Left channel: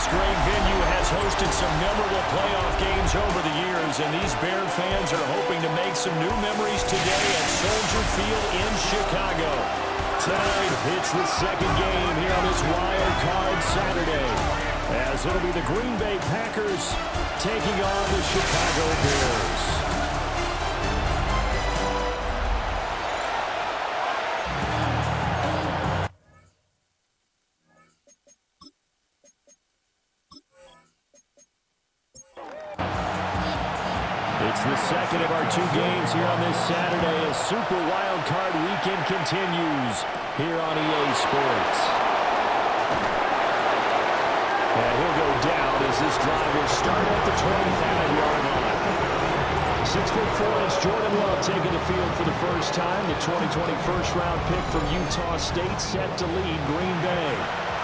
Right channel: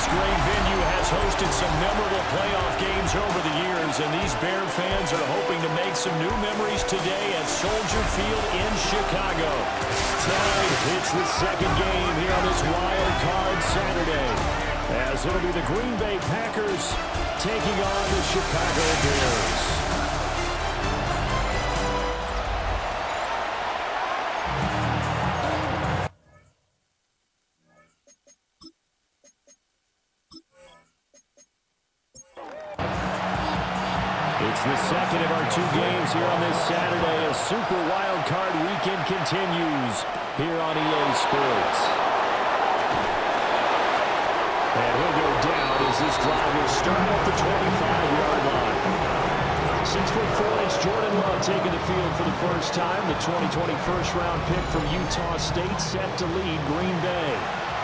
This great venue has hosted some memorable playoff games over the years, and these Bear fans are hoping to make some new memories today at Soldier Field in Chicago. Tonight, it's the second game here on this Wild Card Saturday, as it'll be the Green Bay Packers taking on the Chicago Bears. It's the second of our two games here on this Saturday as Super Wild Card Weekend continues here on EA Sports. And he'll go down as this drive will start at the 25-yard line. 6'4" Jordan Love taking the field for the first time. The 2020 first-round pick from Utah State set to lead Green Bay.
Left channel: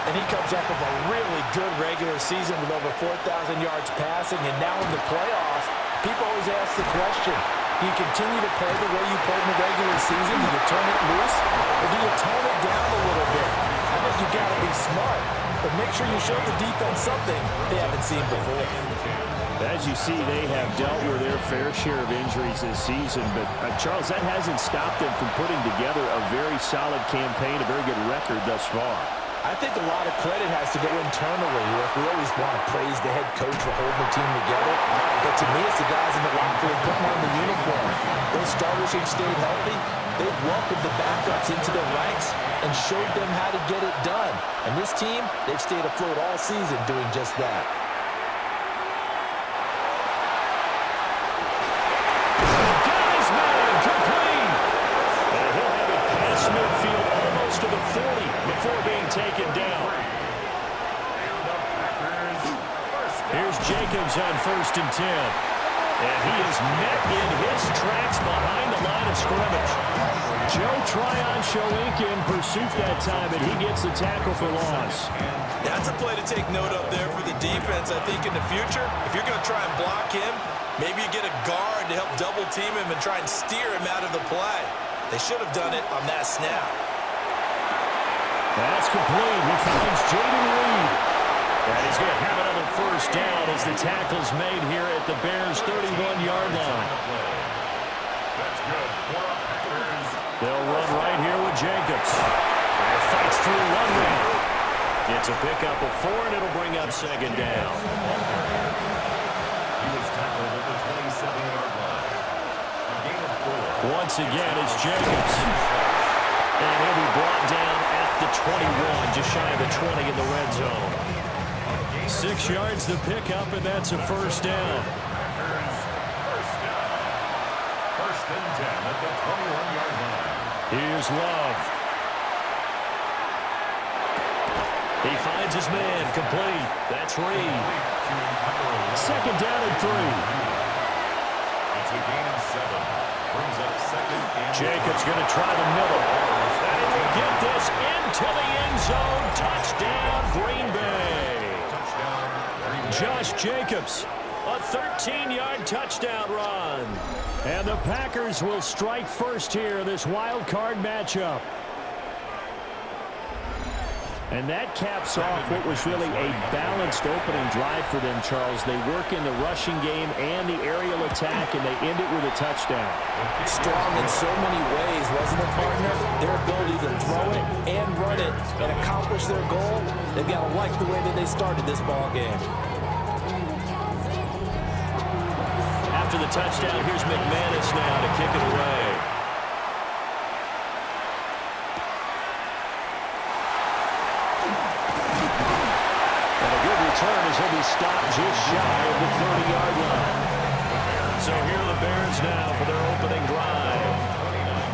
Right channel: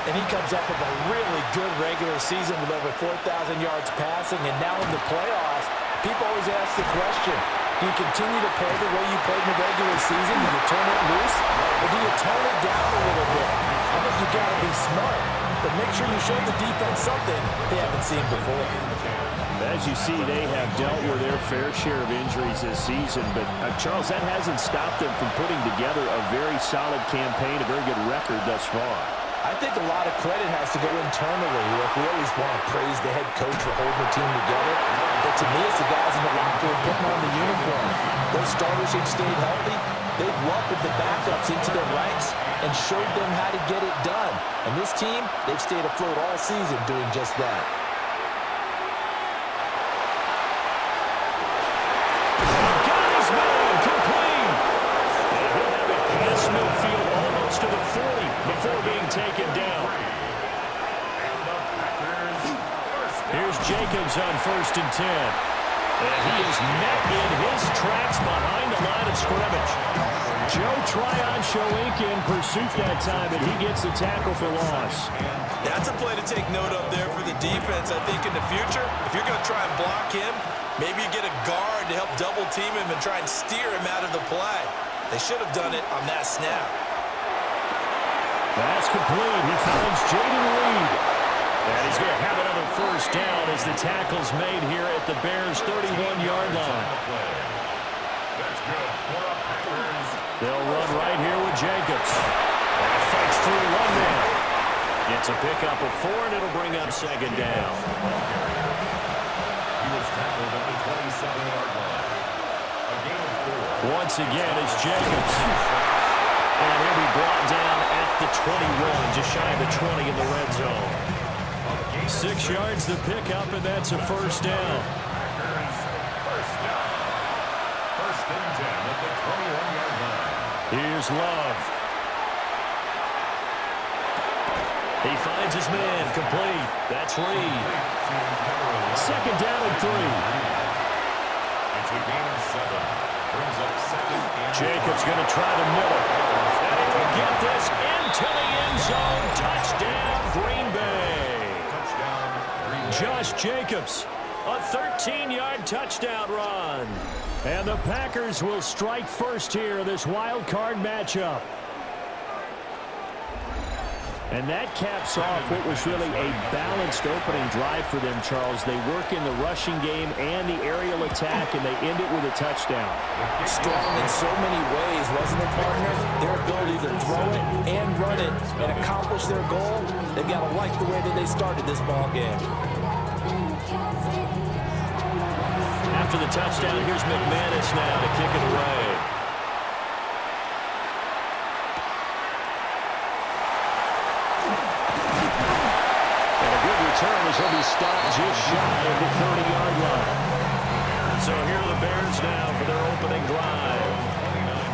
And he comes off of a really good regular season with over 4,000 yards passing, and now in the playoffs, people always ask the question, do you continue to play the way you played in the regular season? Do you turn it loose? Or do you tone it down a little bit? I think you got to be smart, but make sure you show the defense something they haven't seen before. As you see, they have dealt with their fair share of injuries this season, but Charles, that hasn't stopped them from putting together a very solid campaign, a very good record thus far. I think a lot of credit has to go internally. Look, we always want to praise the head coach for holding the team together. But to me, it's the guys in the locker room putting on the uniform. Those starters who've stayed healthy, they've welcomed the backups into their ranks and showed them how to get it done. And this team, they've stayed afloat all season doing just that. Got his man complete. And he'll have it past midfield almost to the 40 before being taken down. Here's Jacobs on 1st and 10. And he is met in his tracks behind the line of scrimmage. Joe Tryon-Shoyinka in pursuit that time, and he gets the tackle for loss. That's a play to take note of there for the defense. I think in the future, if you're going to try and block him, maybe you get a guard to help double team him and try and steer him out of the play. They should have done it on that snap. That's complete. He finds Jaden Reed. And he's going to have another first down as the tackle's made here at the Bears' 31-yard line. That's good. They'll run right here with Jacobs. And fights through one man. It's a pickup of 4, and it'll bring up second down. He was tackled at the 27-yard line. A gain of 4. Once again, it's Jacobs. And he'll be brought down at the 21, just shy of the 20 in the red zone. 6 yards the pickup, and that's a first down. Packers first down. 1st and 10 at the 21-yard line. Here's Love. He finds his man complete. That's Reed. 2nd down and 3. It's a gain of 7. Brings up 2nd and Jacobs going to try the middle. And he will get this into the end zone. Touchdown, Green Bay. Josh Jacobs, a 13-yard touchdown run. And the Packers will strike first here in this wild card matchup. And that caps off what was really a balanced opening drive for them, Charles. They work in the rushing game and the aerial attack, and they end it with a touchdown. Strong in so many ways, wasn't it, partner? Their ability to throw it and run it and accomplish their goal, they've got to like the way that they started this ball game. After the touchdown, here's McManus now to kick it away. And a good return as he'll be stopped just shy of the 30-yard line. So here are the Bears now for their opening drive.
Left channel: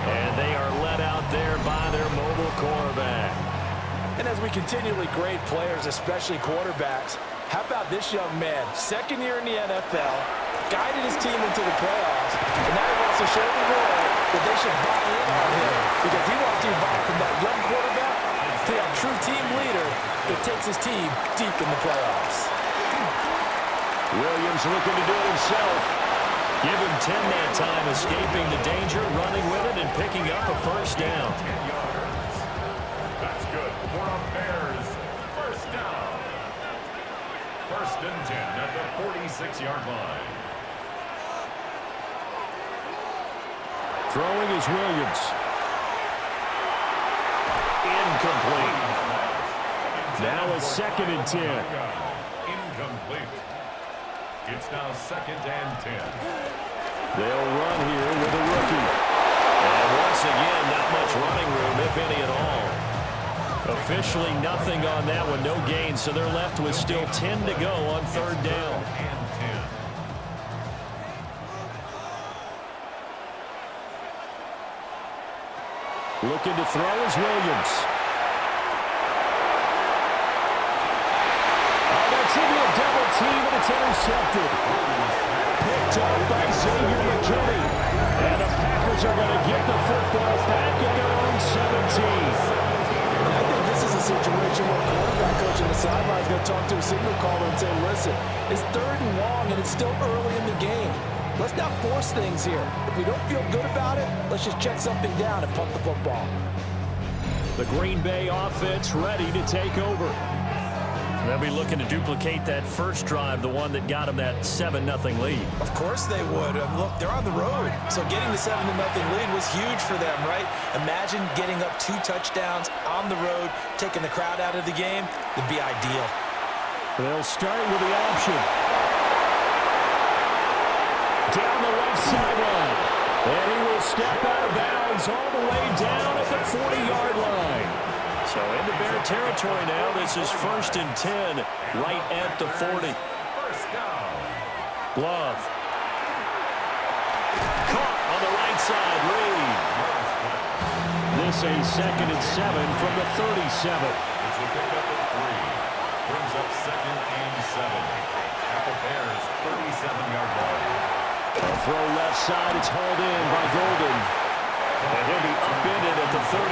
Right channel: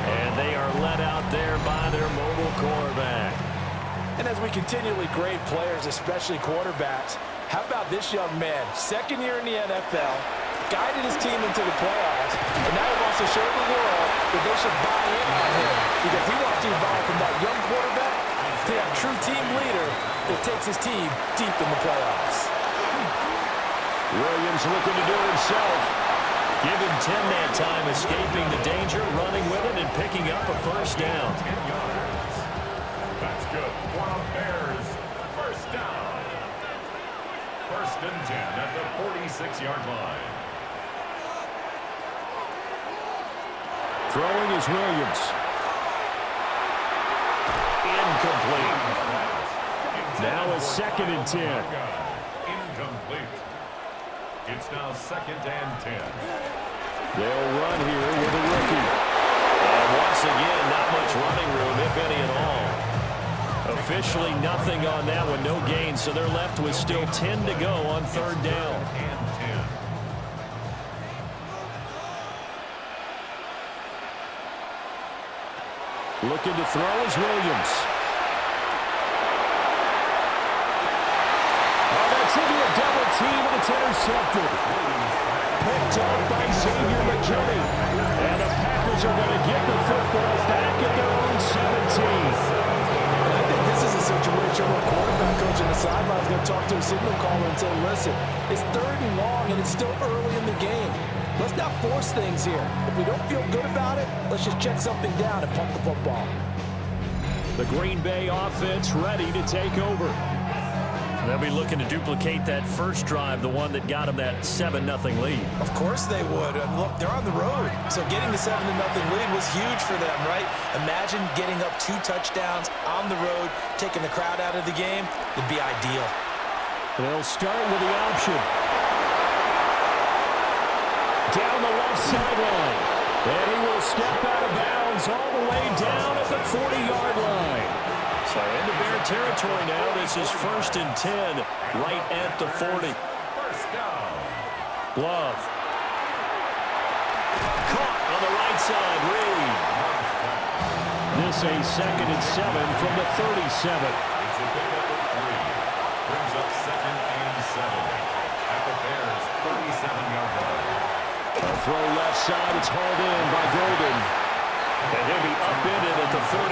And they are led out there by their mobile quarterback. And as we continually grade players, especially quarterbacks, how about this young man? 2nd year in the NFL, guided his team into the playoffs, and now he wants to show the world that they should buy in on him because he wants to evolve from that young quarterback to that true team leader that takes his team deep in the playoffs. Williams looking to do it himself. Give him 10 that time, escaping the danger, running with it, and picking up a first down. 10 yards. That's good for a Bears first down. First and 10 at the 46-yard line. Throwing is Williams. Incomplete. Now it's 2nd and 10. Incomplete. It's now 2nd and 10. They'll run here with a rookie. And once again, not much running room, if any at all. Officially nothing on that one, no gain, so they're left with still 10 to go on 3rd down. And 10. Looking to throw is Williams. Oh, that's going to be a double team, and it's intercepted. Picked up by Xavier McKinney. And the Packers are going to get the football back at their own 17. And I think this is a situation where quarterback coach on the sideline is going to talk to a signal caller and say, listen, it's 3rd and long, and it's still early in the game. Let's not force things here. If we don't feel good about it, let's just check something down and punt the football. The Green Bay offense ready to take over. They'll be looking to duplicate that first drive, the one that got them that 7-0 lead. Of course they would. Look, they're on the road. So getting the 7-0 lead was huge for them, right? Imagine getting up 2 touchdowns on the road, taking the crowd out of the game. It'd be ideal. They'll start with the option. Down the left sideline. And he will step out of bounds all the way down at the 40-yard line. So into Bear territory now. This is 1st and 10 right at the 40. First down. Glove. Caught on the right side. Reed. This a 2nd and 7 from the 37. It's a pickup of 3. Brings up 2nd and 7 at the Bears' 37-yard line. A throw left side. It's hauled in by Golden. And he'll be upended at the 33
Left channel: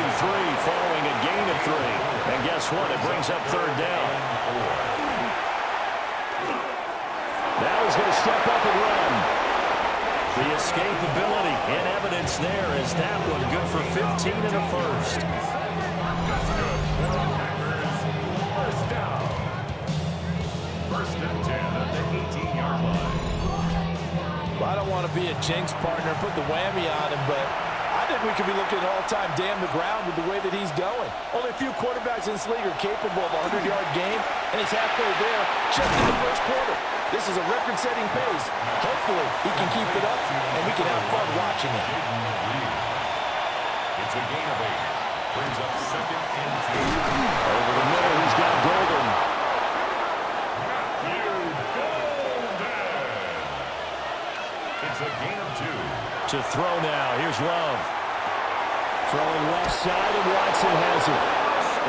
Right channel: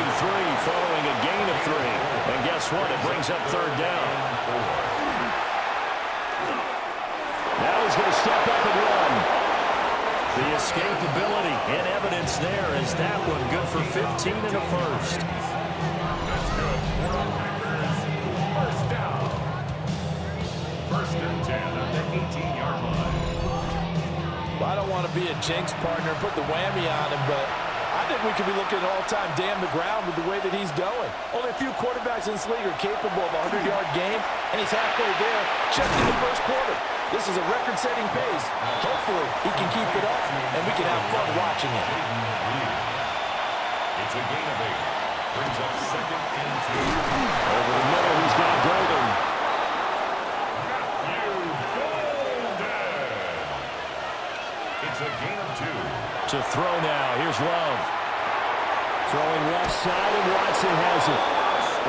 following a gain of 3. And guess what? It brings up 3rd down. Now he's going to step up and run. The escapability in evidence there as that one good for 15 and a first. That's good for the Packers. First down. 1st and 10 at the 18-yard line. Well, I don't want to be a jinx partner, put the whammy on him, but I think we could be looking at all-time damn the ground with the way that he's going. Only a few quarterbacks in this league are capable of a 100-yard game, and he's halfway there just in the first quarter. This is a record-setting pace. Hopefully, he can keep it up, and we can have fun watching it. It's a gain of 8. Brings up 2nd and 2. Over the middle, he's got Golden. It's a gain of 2. To throw now. Here's Love. Throwing left side, and Watson has it.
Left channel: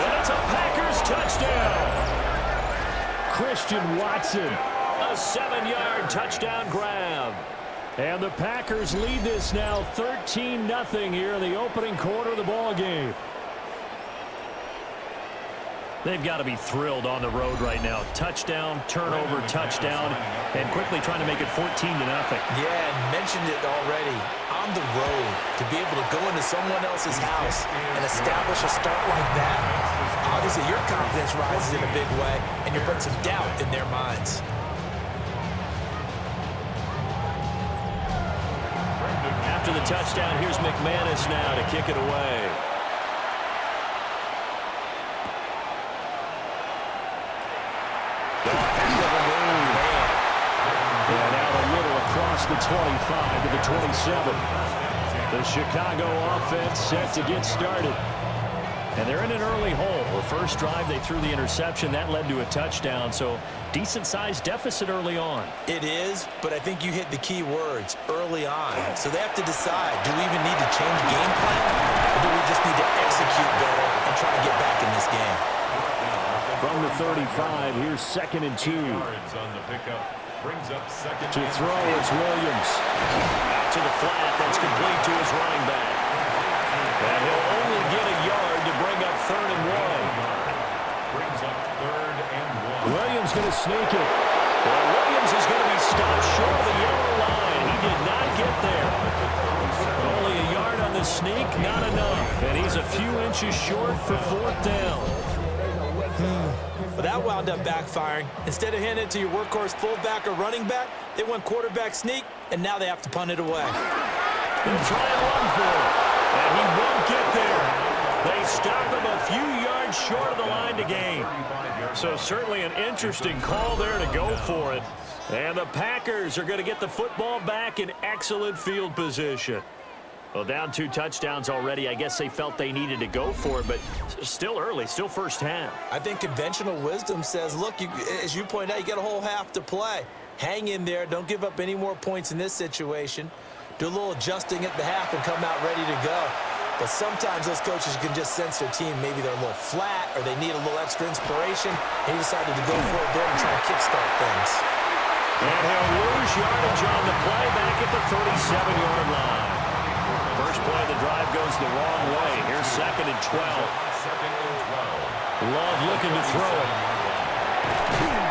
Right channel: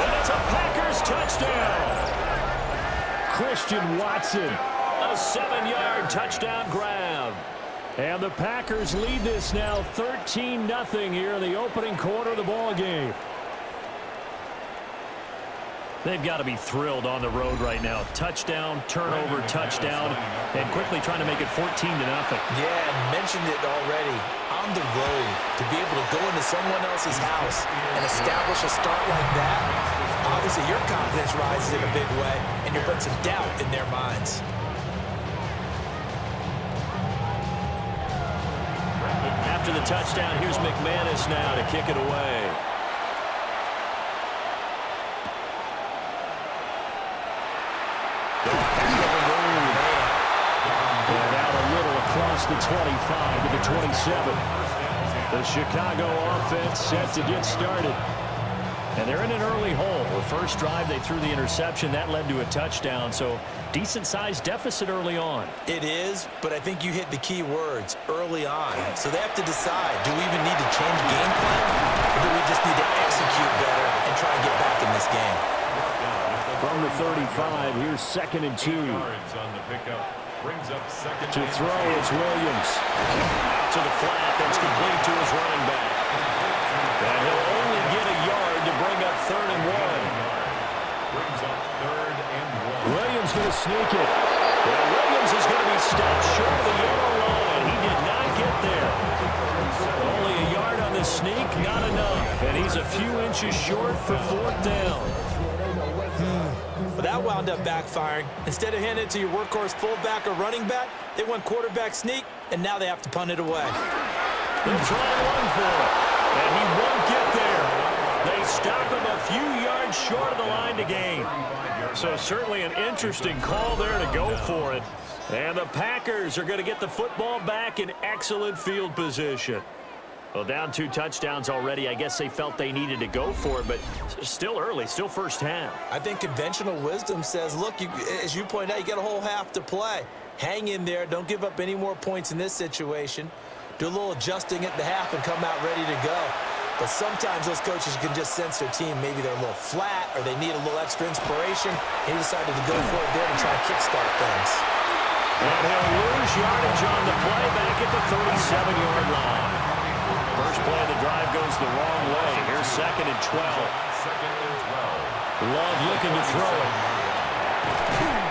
And it's a Packers touchdown. Christian Watson, a 7-yard touchdown grab. And the Packers lead this now 13-0 here in the opening quarter of the ball game. They've got to be thrilled on the road right now. Touchdown, turnover, touchdown, and quickly trying to make it 14-0. Yeah, and mentioned it already. On the road, to be able to go into someone else's house and establish a start like that, obviously your confidence rises in a big way, and you're putting some doubt in their minds. After the touchdown, here's McManus now to kick it away. And out a little across the 25 to the 27. The Chicago offense set to get started. And they're in an early hole. The first drive, they threw the interception. That led to a touchdown. So decent-sized deficit early on. It is, but I think you hit the key words, early on. So they have to decide, do we even need to change game plan? Or do we just need to execute better and try and get back in this game? From the 35, here's 2nd and 2. Yards on the pickup. Brings up 2nd To and throw, it's Williams. Out to the flat, that's complete to his running back. And he'll only get a yard to bring up 3rd and 1. Brings up 3rd and 1. Williams going to sneak it. And Williams is going to be stopped short of the yellow line. He did not get there. Only a yard on the sneak, not enough. And he's a few inches short for 4th down. Well, that wound up backfiring. Instead of handing it to your workhorse fullback or running back, they went quarterback sneak, and now they have to punt it away. They'll try and run for it, and he won't get there. They stop him a few yards short of the line to gain. So certainly an interesting call there to go for it. And the Packers are going to get the football back in excellent field position. Well, down 2 touchdowns already. I guess they felt they needed to go for it, but still early, still first half. I think conventional wisdom says, look, as you point out, you got a whole half to play. Hang in there. Don't give up any more points in this situation. Do a little adjusting at the half and come out ready to go. But sometimes those coaches can just sense their team. Maybe they're a little flat or they need a little extra inspiration. And he decided to go for it there and try to kickstart things. And he'll lose yardage on the play back at the 37-yard line. First play of the drive goes the wrong way. Here's 2nd and 12. Love looking to throw it.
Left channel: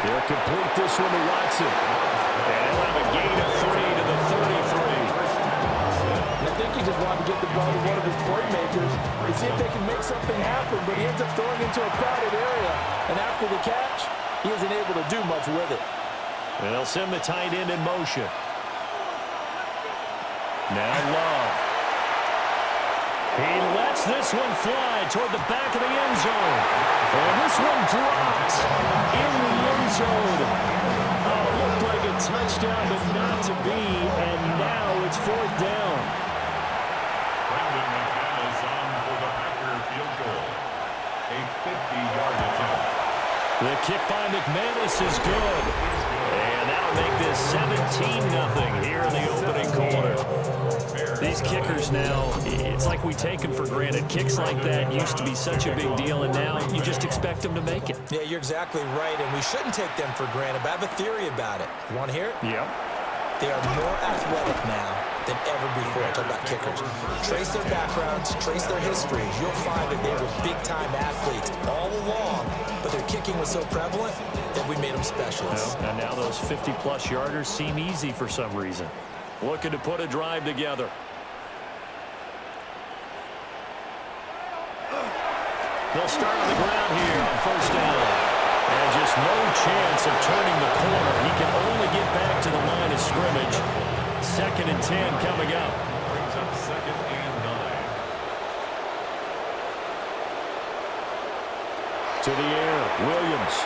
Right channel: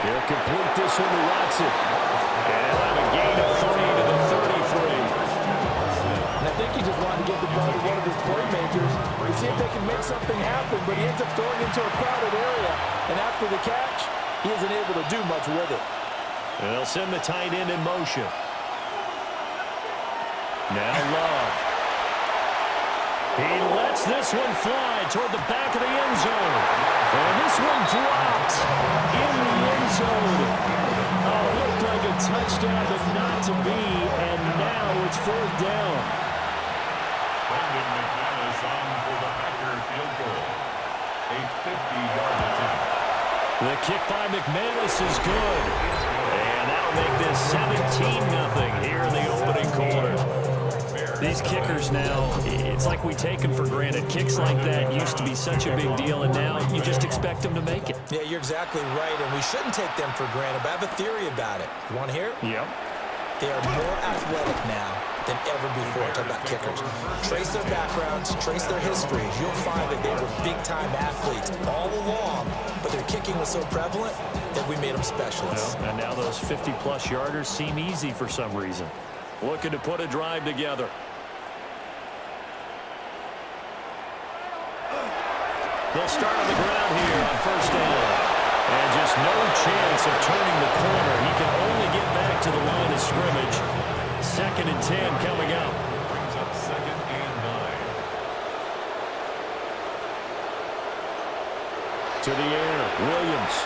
They'll complete this one to Watson. And he'll have a gain of 3 to the 33. And I think he just wanted to get the ball to one of his playmakers and see if they can make something happen, but he ends up throwing into a crowded area. And after the catch, he isn't able to do much with it. And they'll send the tight end in motion. Now Love. He lets this one fly toward the back of the end zone. And this one dropped in the end zone. Oh, it looked like a touchdown, but not to be. And now it's 4th down. Brandon McManus on for the Packer field goal. A 50-yard attempt. The kick by McManus is good. And that'll make this 17-0 here in the opening quarter. These kickers now, it's like we take them for granted. Kicks like that used to be such a big deal, and now you just expect them to make it. Yeah, you're exactly right, and we shouldn't take them for granted, but I have a theory about it. You want to hear it? Yep. They are more athletic now than ever before. Talk about kickers. Trace their backgrounds, trace their histories. You'll find that they were big-time athletes all along, but their kicking was so prevalent that we made them specialists. Well, and now those 50-plus yarders seem easy for some reason. Looking to put a drive together. They'll start on the ground here on 1st down. And just no chance of turning the corner. He can only get back to the line of scrimmage. 2nd and 10 coming up. Brings up 2nd and 9. To the air, Williams.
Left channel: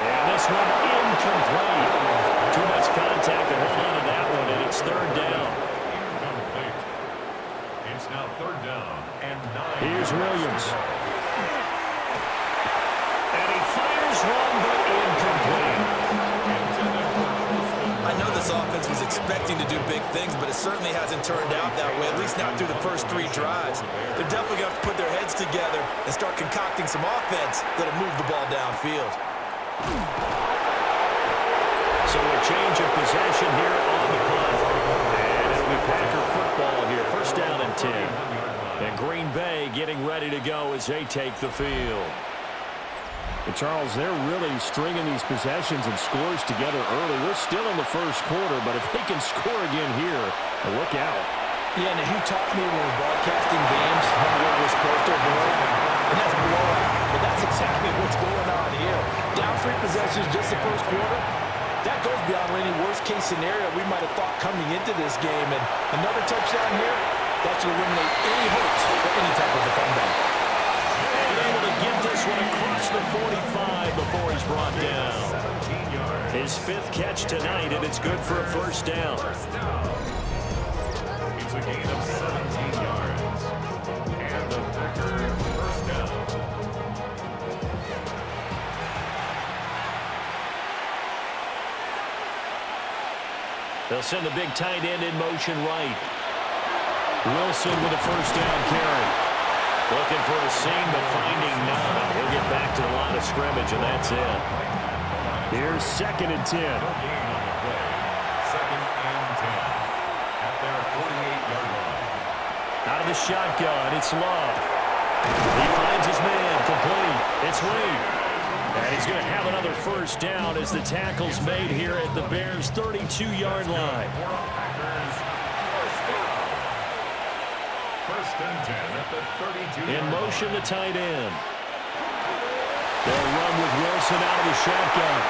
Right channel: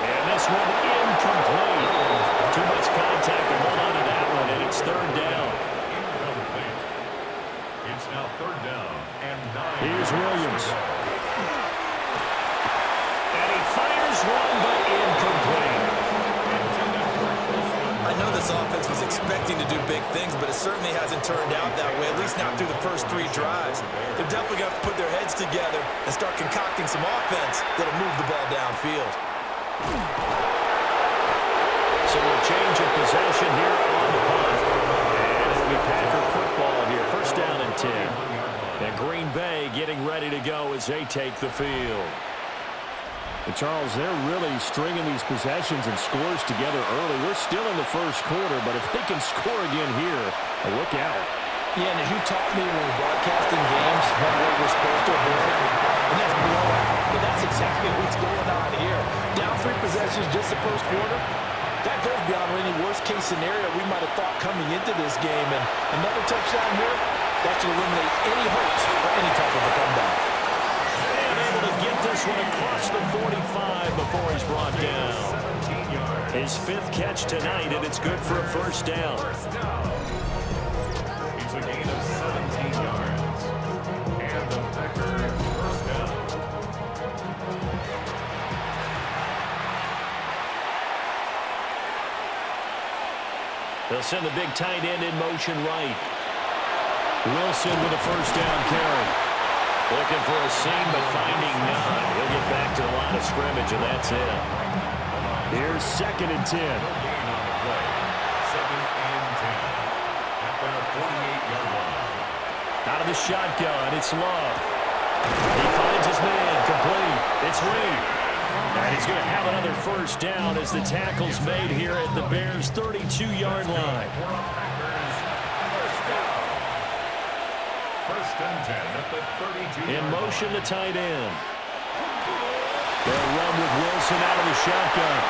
And this one incomplete. Too much contact to hold on to that one, and it's 3rd down. Incomplete. It's now 3rd down and 9. Here's Williams. And he fires one, but incomplete. I know this offense was expecting to do big things, but it certainly hasn't turned out that way, at least not through the first 3 drives. They're definitely going to have to put their heads together and start concocting some offense that'll move the ball downfield. So a change of possession here on the punt. And it'll be Packer football here. 1st down and 10. And Green Bay getting ready to go as they take the field. And Charles, they're really stringing these possessions and scores together early. We're still in the first quarter, but if they can score again here, look out. Yeah, and as you taught me when we're broadcasting games, one word we're supposed to avoid, and that's blowout. But that's exactly what's going on here. Down 3 possessions just the first quarter. That goes beyond any worst-case scenario we might have thought coming into this game. And another touchdown here, that should eliminate any hopes for any type of a comeback. And able to get this one across the 45 before he's brought down. His 5th catch tonight, and it's good for a 1st down. It's a gain of 17 yards. And the Packer 1st down. They'll send the big tight end in motion right. Wilson with a 1st down carry. Looking for a seam, but finding none. He'll get back to the line of scrimmage, and that's it. Here's 2nd and 10. No gain on the play. 2nd and 10. At their 48-yard line. Out of the shotgun, it's Love. He finds his man, complete. It's Reed. And he's going to have another 1st down as the tackle's made here at the Bears' 32-yard line. 1st and 10 at the 32. In motion, the tight end. They'll run with Wilson out of the shotgun.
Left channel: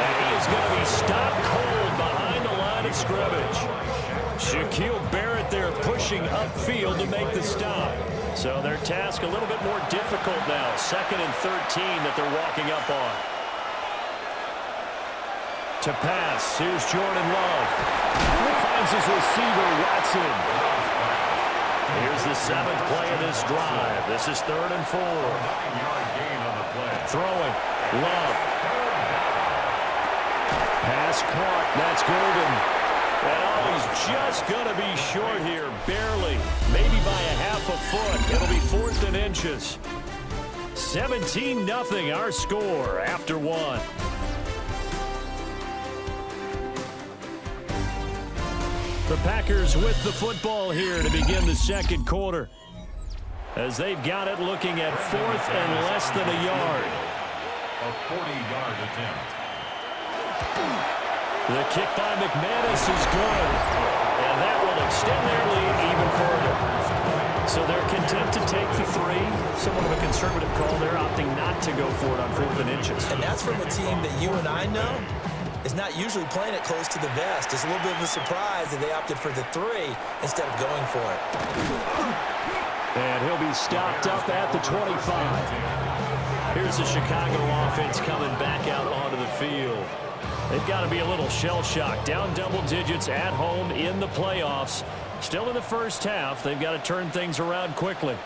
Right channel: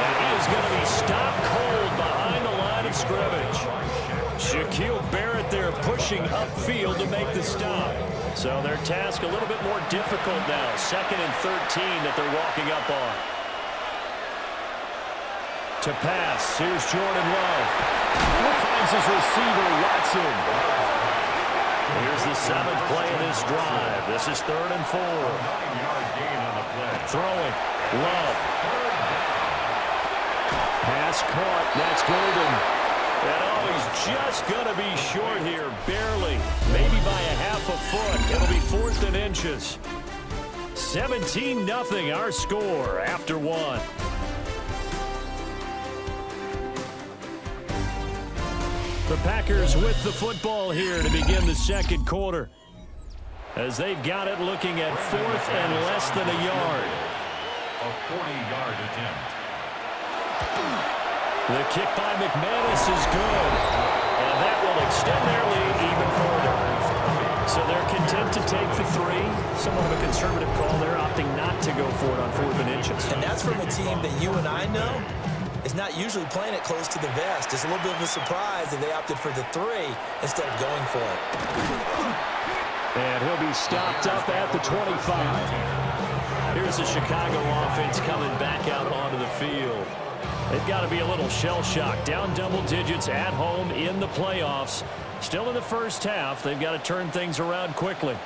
And he is going to be stopped cold behind the line of scrimmage. Shaquille Barrett there pushing upfield to make the stop. So their task a little bit more difficult now. 2nd and 13 that they're walking up on. To pass, here's Jordan Love. Finds his receiver, Watson. Here's the 7th play of this drive. This is 3rd and 4. 9-yard gain on the play. Throwing, Love. Pass caught, that's Golden. And oh, he's just going to be short here, barely. Maybe by a half a foot. It'll be 4th and inches. 17-0 our score after 1. The Packers with the football here to begin the 2nd quarter. As they've got it looking at 4th and less than a yard. A 40-yard attempt. The kick by McManus is good. And that will extend their lead even further. So they're content to take the 3. Somewhat of a conservative call. They're opting not to go for it on 4th and inches. And that's from a team that you and I know is not usually playing it close to the vest. It's a little bit of a surprise that they opted for the 3 instead of going for it. And he'll be stopped up at the 25. Here's the Chicago offense coming back out onto the field. They've got to be a little shell-shocked. Down double digits at home in the playoffs. Still in the first half. They've got to turn things around quickly.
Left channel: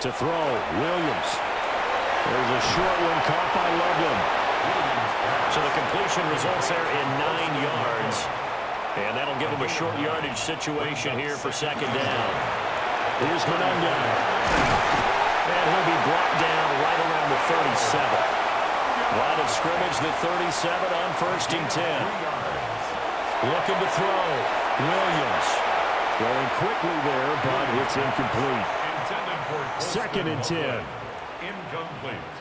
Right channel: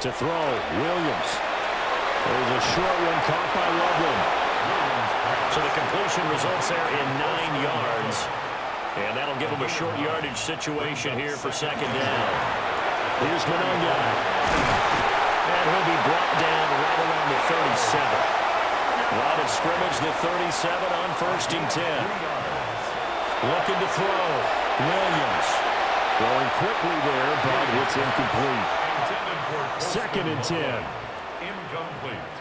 To throw, Williams. There's a short one caught by Loveland. So the completion results there in 9 yards. And that'll give them a short yardage situation here for 2nd down. Here's Monunga. And he'll be brought down right around the 37. Line of scrimmage, the 37 on 1st and 10. Looking to throw. Williams. Throwing quickly there, but it's incomplete. 2nd and 10. Incomplete.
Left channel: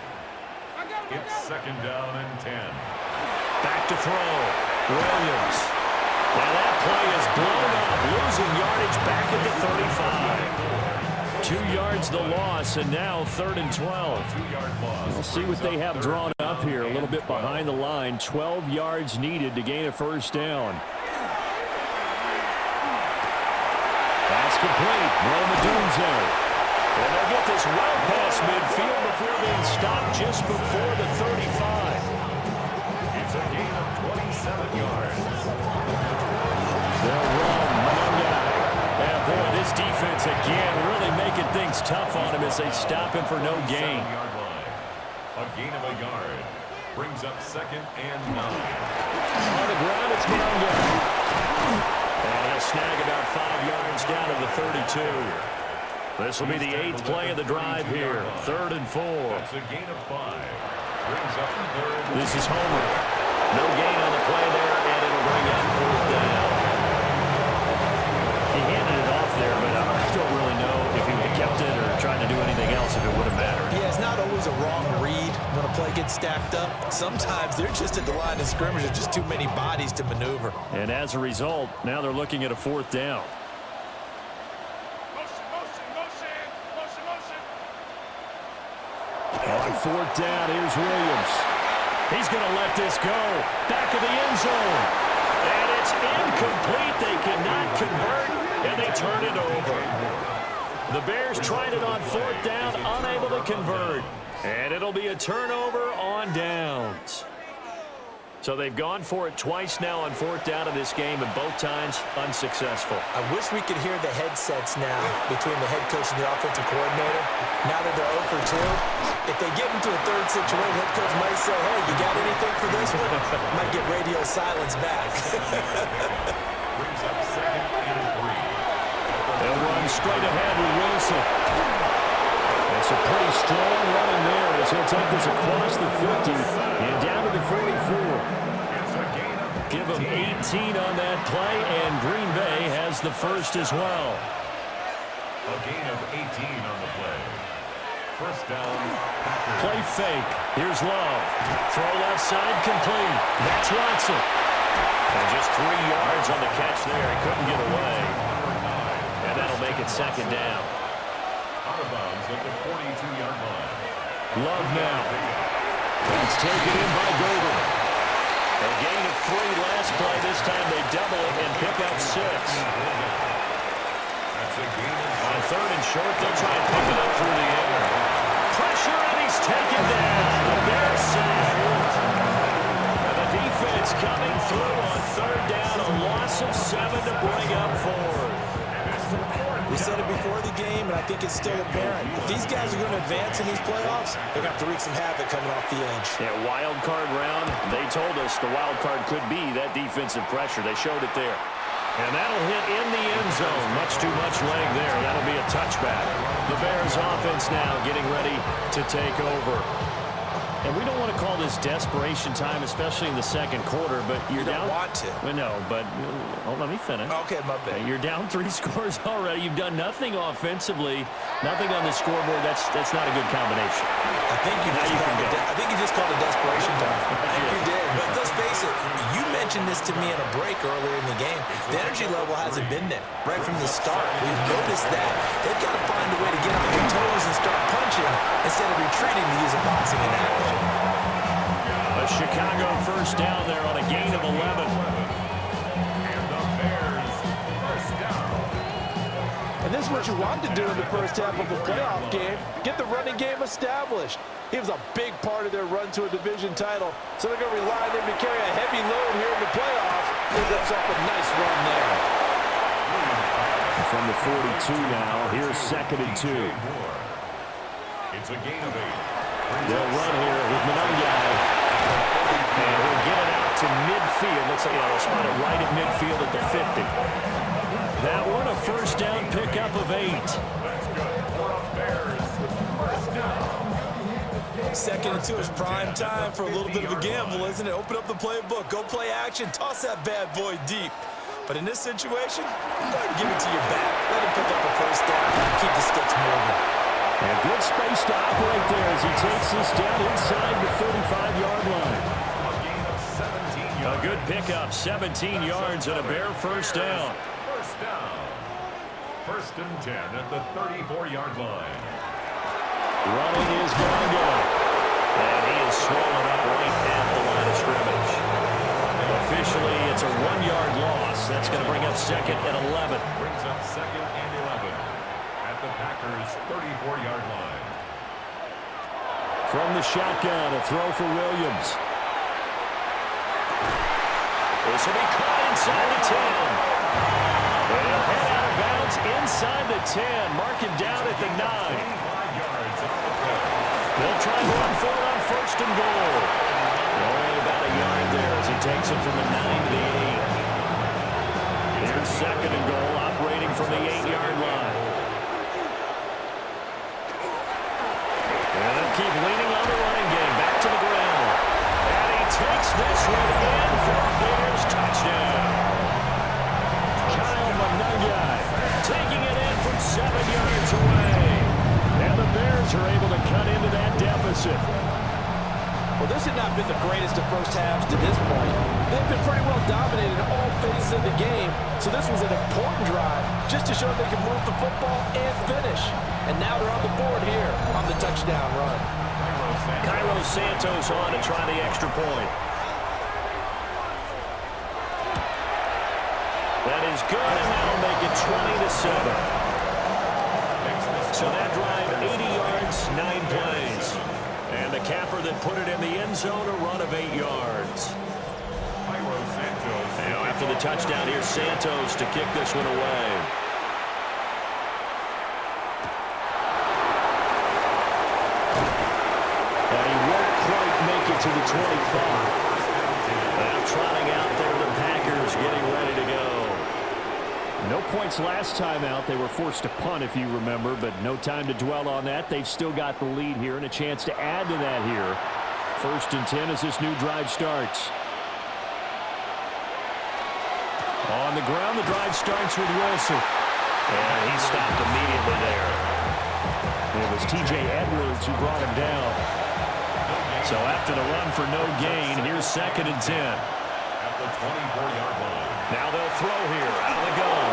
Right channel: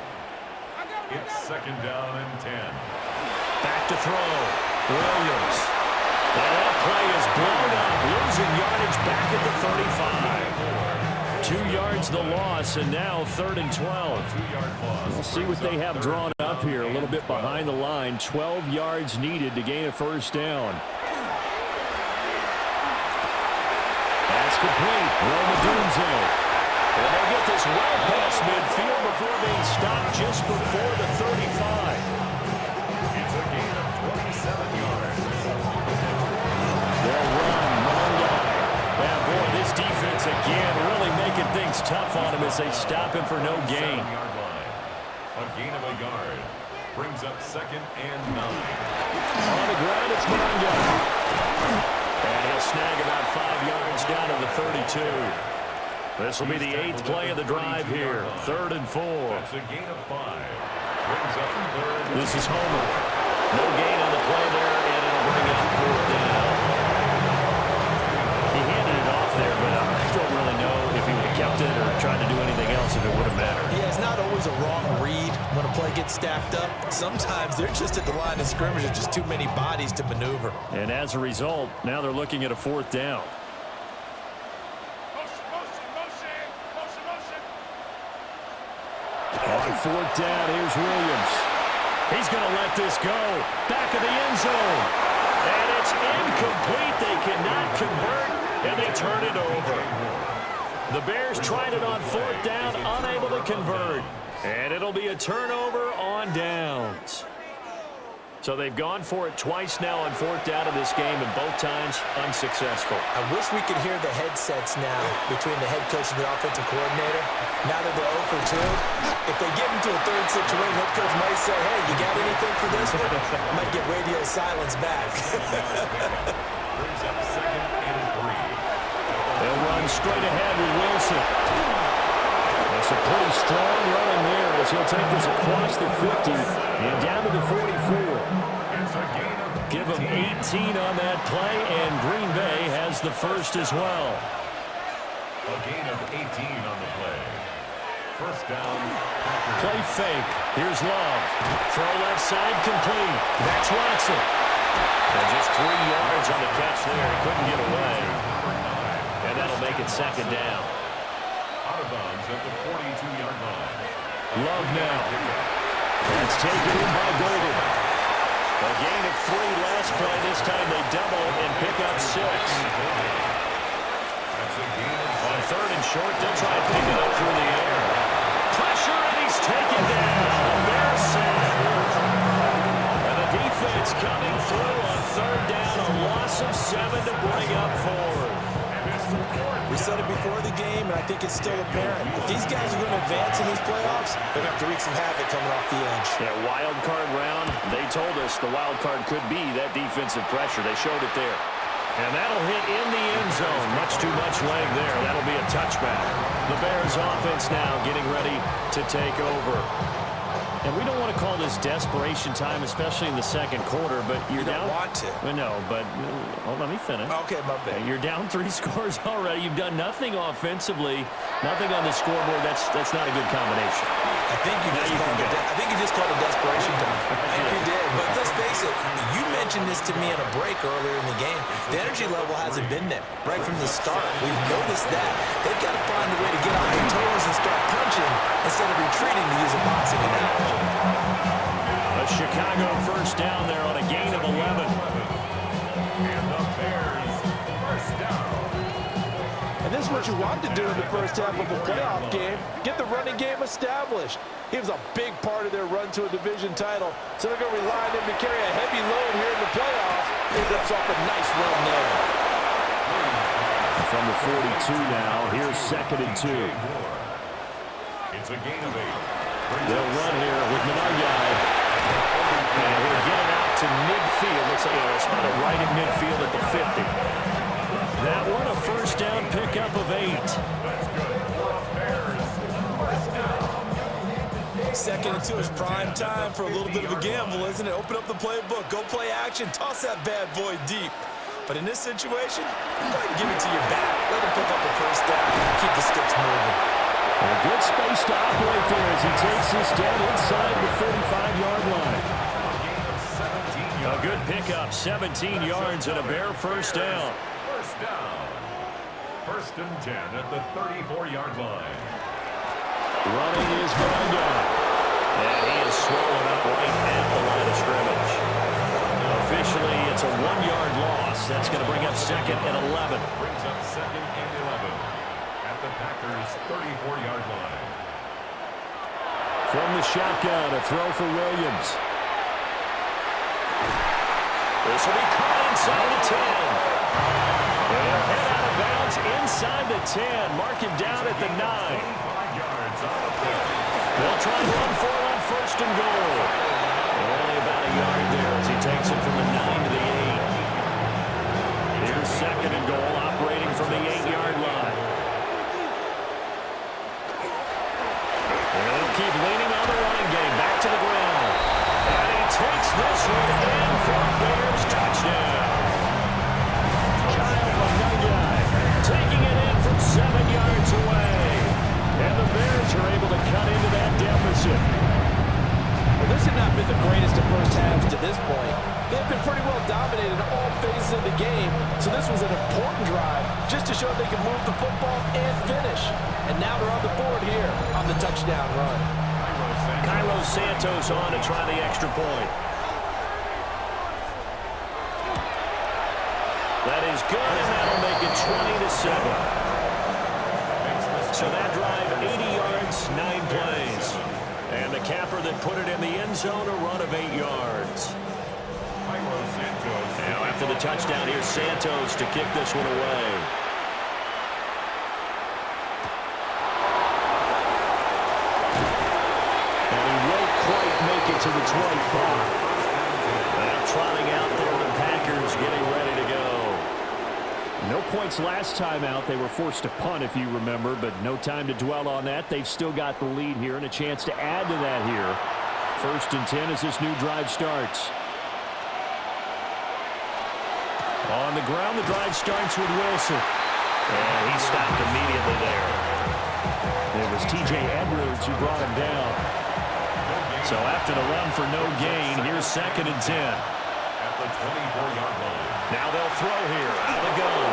It's 2nd down and 10. Back to throw. Williams. And that play is blown up. Losing yardage back at the 35. 2 yards the loss, and now 3rd and 12. We'll see what they have drawn up here. A little bit behind the line. 12 yards needed to gain a 1st down. That's complete. Roma Dunze. And they'll get this well past midfield before being stopped just before the 35. It's a gain of 27 yards. They'll run. Monungai. And boy, this defense again really making things tough on him as they stop him for no gain. 7-yard line. A gain of a yard. Brings up 2nd and 9. On the ground, it's Monungai. And he'll snag about 5 yards down to the 32. This will be the 8th play of the drive here. 3rd and 4. That's a gain of 5. Brings up 3rd. This is Homer. No gain on the play there, and it'll bring up 4th down. He handed it off there, but I don't really know if he would have kept it or tried to do anything else if it would have mattered. Yeah, it's not always a wrong read when a play gets stacked up. Sometimes they're just at the line of scrimmage. There's just too many bodies to maneuver. And as a result, now they're looking at a 4th down. On 4th down, here's Williams. He's going to let this go. Back of the end zone. And it's incomplete. They cannot convert, and they turn it over. The Bears tried it on 4th down, unable to convert. And it'll be a turnover on downs. So they've gone for it twice now on 4th down in this game, and both times unsuccessful. I wish we could hear the headsets now between the head coach and the offensive coordinator. Now that they're 0 for 2, if they get into a 3rd situation, head coach might say, hey, you got anything for this one? Might get radio silence back. Brings up 2nd and 3. They'll run straight ahead with Wilson. It's a pretty strong running there as he'll take this across the 50 and down to the 44. It's a gain of 18. Give him 18 on that play, and Green Bay has the 1st as well. A gain of 18 on the play. 1st down. Packers. Play fake. Here's Love. Throw left side complete. That's Watson. And just 3 yards on the catch there. He couldn't get away. And that'll make it 2nd down. Out of bounds at the 42-yard line. Love now. That's taken in by Golden. A gain of 3 last play. This time they double it and pick up 6. On 3rd and short, they'll try and pick it up through the air. Pressure, and he's taken down. The Bears sack. And the defense coming through on 3rd down. A loss of 7 to bring up 4th. We said it before the game, and I think it's still apparent. If these guys are going to advance in these playoffs, they're going to have to wreak some havoc coming off the edge. Yeah, wild card round. They told us the wild card could be that defensive pressure. They showed it there. And that'll hit in the end zone. Much too much leg there. That'll be a touchback. The Bears offense now getting ready to take over. And we don't want to call this desperation time, especially in the second quarter, but you're down. You don't want to. No, but let me finish. Okay, my bad. You're down 3 scores already. You've done nothing offensively, nothing on the scoreboard. That's not a good combination. I think you just called it desperation time. I think you did. But let's face it, you mentioned this to me in a break earlier in the game. The energy level hasn't been there right from the start. We've noticed that. They've got to find a way to get on their toes and start punching instead of retreating, to use a boxing analogy. A Chicago first down there on a gain of 11. And the Bears first down. And this is what you want to do in the first half of a playoff game. Get the running game established. He was a big part of their run to a division title. So they're going to rely on him to carry a heavy load here in the playoffs. He rips off a nice run there. From the 42 now, here's 2nd and 2. It's a gain of 8. They'll run here with Manungai. And he'll get it out to midfield. Looks like they'll spot it right at midfield at the 50. That one a first down pickup of 8. That's good for a Bears first down. 2nd and 2 is prime time for a little bit of a gamble, isn't it? Open up the playbook, go play action, toss that bad boy deep. But in this situation, go ahead and give it to your back. Let him pick up a first down and keep the sticks moving. And a good space to operate there as he takes this down inside the 35-yard line. A gain of 17 yards. A good pickup, 17 yards and a Bear first down. First down. 1st and 10 at the 34-yard line. Running is Manungai. And he is swallowed up right at the line of scrimmage. Officially, it's a 1-yard loss. That's going to bring up 2nd and 11. Brings up 2nd and 11 at the Packers' 34-yard line. From the shotgun, a throw for Williams. This will be caught inside the 10. And he'll head out of bounds inside the 10. Mark him down at the 9. 25 yards on the play. They'll try and run for it on 1st and goal. Only about a yard there as he takes it from the 9 to the 8. Here's 2nd and goal, operating from the 8-yard line. And they'll keep leaning on the running game. Back to the ground. And he takes this one in for a Bears touchdown. Kyle Manungai taking it in from 7 yards away. And the Bears are able to cut into that deficit. Well, this had not been the greatest of first halves to this point. They've been pretty well dominated in all phases of the game, so this was an important drive just to show they can move the football and finish. And now they're on the board here on the touchdown run. Cairo Santos on to try the extra point. That is good, and that'll make it 20-7. So that drive, 80 yards, 9 plays. And the capper that put it in the end zone, a run of 8 yards. Now after the touchdown, here's Santos to kick this one away. And he won't quite make it to the 25. Now trotting out there, the Packers getting ready to go. No points last time out. They were forced to punt, if you remember, but no time to dwell on that. They've still got the lead here and a chance to add to that here. 1st and 10 as this new drive starts. On the ground, the drive starts with Wilson. And he stopped immediately there. It was T.J. Edwards who brought him down. So after the run for no gain, here's 2nd and 10. At the 24-yard line. Now they'll throw here out of the gun.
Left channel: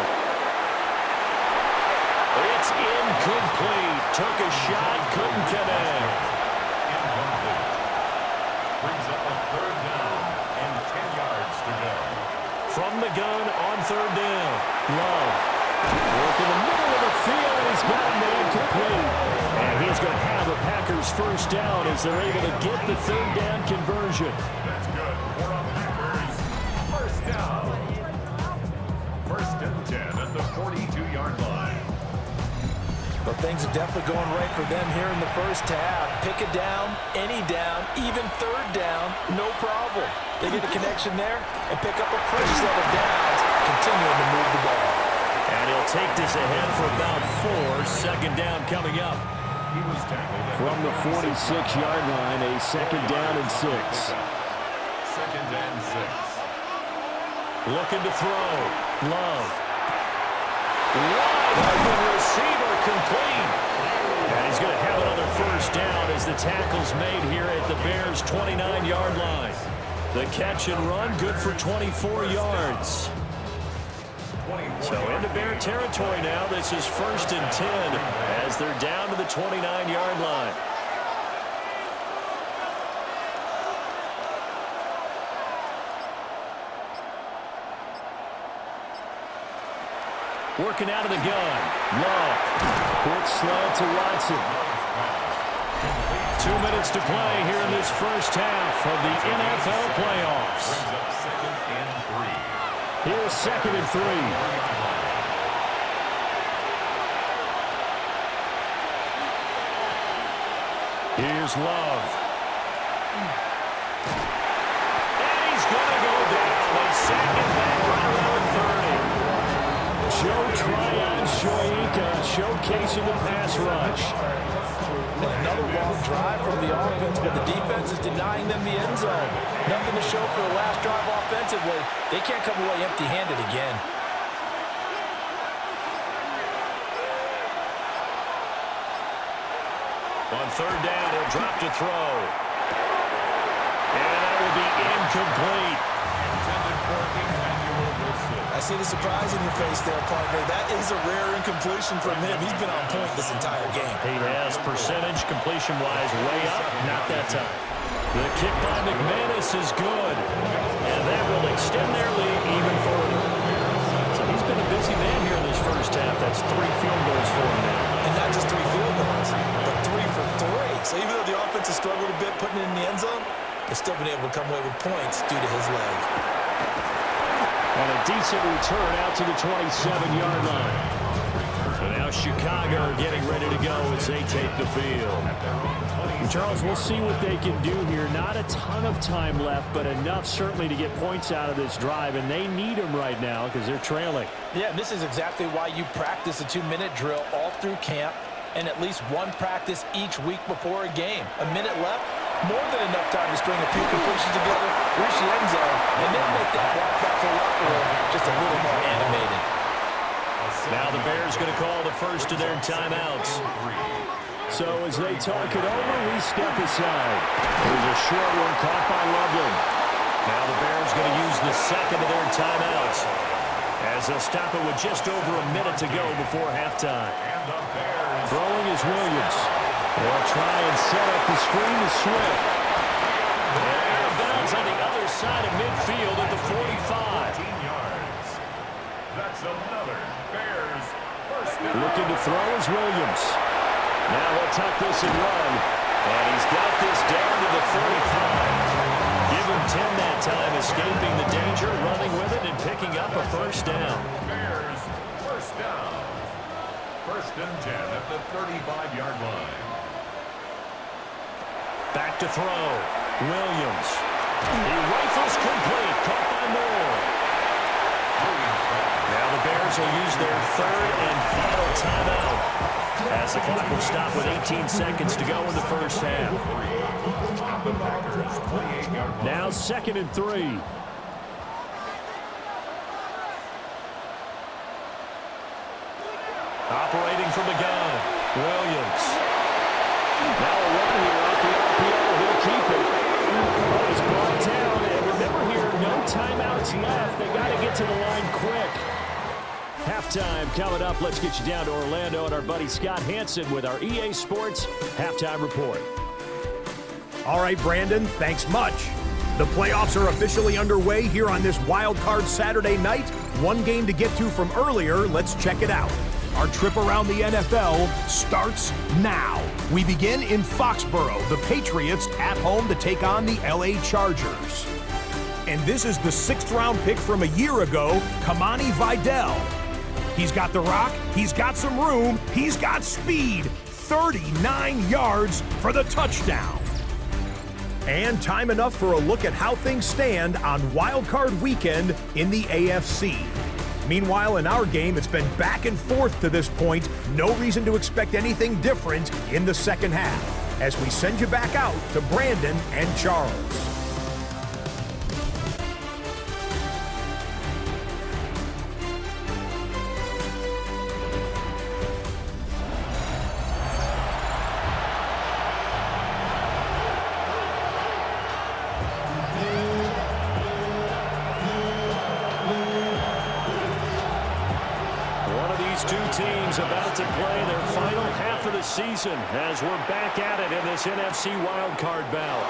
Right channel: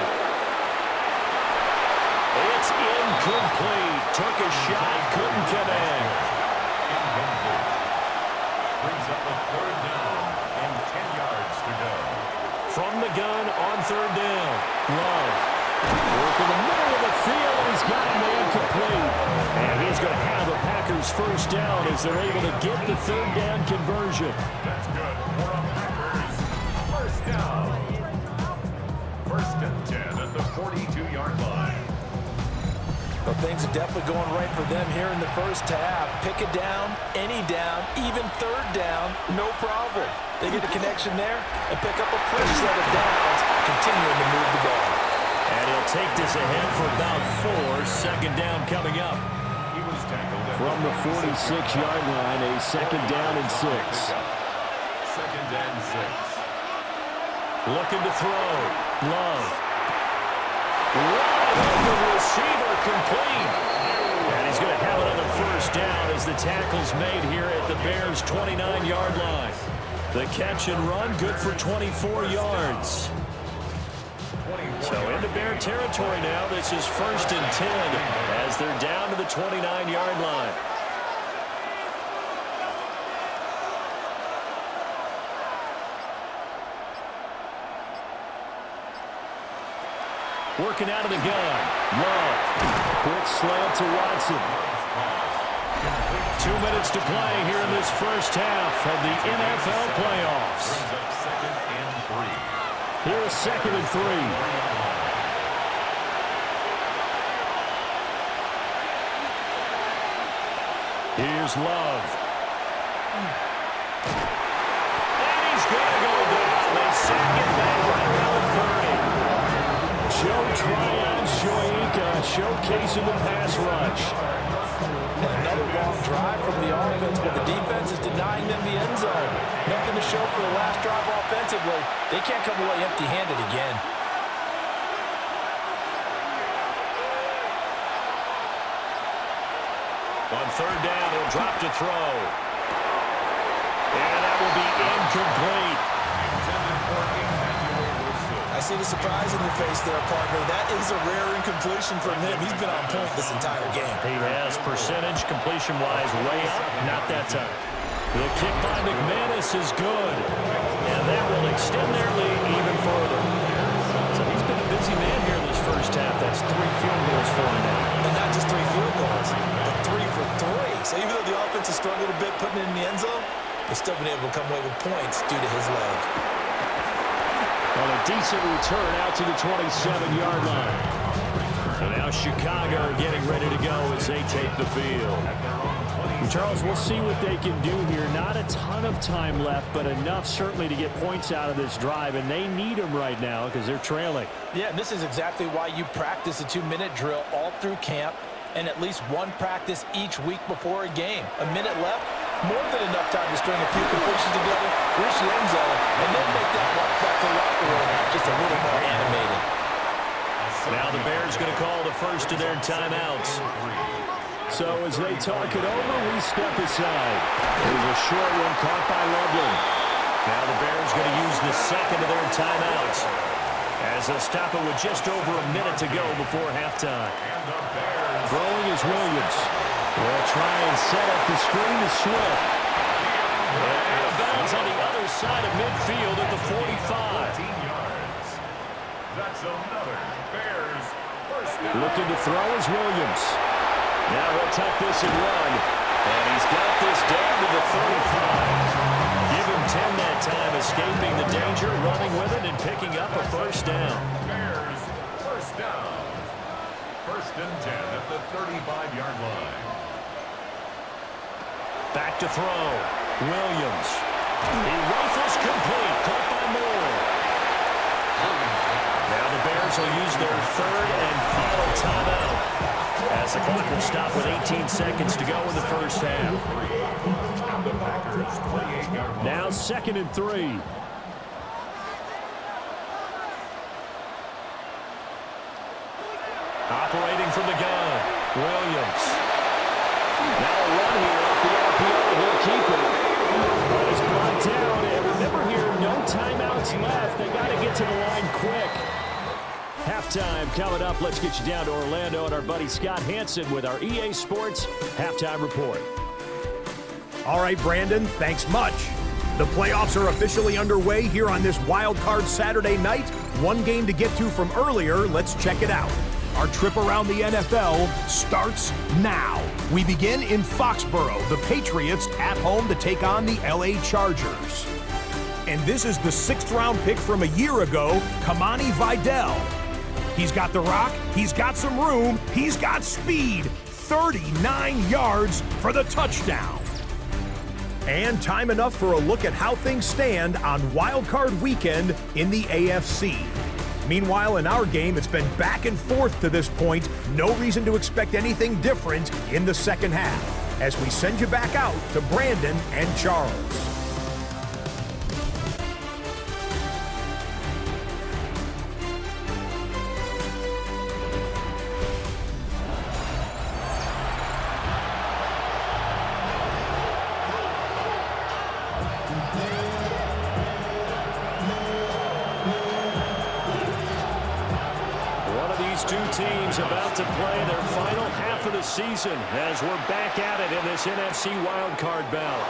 It's incomplete. Took a shot, couldn't connect. from the gun on third down. Love. Work in the middle of the field, and he's got a man complete. And he's going to have a Packers first down as they're able to get the third down conversion. That's good. For a Packers first down. First and 10 at the 42-yard line. Well, things are definitely going right for them here in the first half. Pick a down, any down, even third down, no problem. They get a connection there and pick up a fresh set of downs, continuing to move the ball. And he'll take this ahead for about 4. Second down coming up. He was tackled at From the 46-yard line, a second down and 6. Second and 6. Looking to throw. Love. Wide open receiver complete. And he's going to have another first down as the tackle's made here at the Bears' 29-yard line. The catch and run good for 24 yards. So into Bear territory now. This is first and 10 as they're down to the 29-yard line. Working out of the gun. Love. Quick slant to Watson. 2 minutes to play here in this first half of the NFL playoffs. Brings up second and 3. Here's second and 3. Here's Love. And he's going to go down. They sack it back right around the 30. Joe Tryon Shoyinka showcasing the pass rush. And another long drive from the offense, but the defense is denying them the end zone. Nothing to show for the last drive offensively. They can't come away empty-handed again. On third down, he'll drop to throw. And that will be incomplete. Intended for Emmanuel Wilson. I see the surprise in your face there, partner. That is a rare incompletion from him. He's been on point this entire game. He has percentage completion-wise way up. Not that time. The kick by McManus is good. And that will extend their lead even further. So he's been a busy man here in this first half. That's 3 field goals for him now. And not just 3 field goals, but 3 for 3. So even though the offense has struggled a bit putting it in the end zone, they've still been able to come away with points due to his leg. And a decent return out to the 27-yard line. So now Chicago getting ready to go as they take the field. And Charles, we'll see what they can do here. Not a ton of time left, but enough certainly to get points out of this drive, and they need them right now because they're trailing. Yeah, and this is exactly why you practice a 2-minute drill all through camp and at least one practice each week before a game. A minute left, more than enough time to string a few completions together, reach the end zone, and then make that walk back to the locker room just a little more animated. Now the Bears going to call the first of their timeouts. So as they talk it over, we step aside. There's a short one caught by Loveland. Now the Bears going to use the second of their timeouts as they'll stop it with just over a minute to go before halftime. Throwing is Williams. They'll try and set up the screen to Swift. And out of bounds on the other side of midfield at the 45. 14 yards. That's another Bears first down. Looking to throw is Williams. Now he'll tuck this and run. And he's got this down to the 35. Give him 10 that time, escaping the danger, running with it, and picking up a first down. Bears first down. First and 10 at the 35-yard line. Back to throw. Williams. He rifles complete. Caught by Moore. Now the Bears will use their third and final timeout as the clock will stop with 18 seconds to go in the first half. Now second and 3. Operating from the gun. Williams. Now a run here off the RPO. He'll keep it. Oh, he's brought down. And remember here, no timeouts left. They got to get to the line quick. Halftime coming up. Let's get you down to Orlando and our buddy Scott Hansen with our EA Sports Halftime Report. All right, Brandon, thanks much. The playoffs are officially underway here on this Wildcard Saturday night. One game to get to from earlier. Let's check it out. Our trip around the NFL starts now. We begin in Foxborough. The Patriots at home to take on the LA Chargers. And this is the 6th-round pick from a year ago, Kamani Vidal. He's got the rock, he's got some room, he's got speed. 39 yards for the touchdown. And time enough for a look at how things stand on Wildcard Weekend in the AFC. Meanwhile, in our game, it's been back and forth to this point. No reason to expect anything different in the second half, as we send you back out to Brandon and Charles. Two teams about to play their final half of the season as we're back at it in this NFC wildcard bout.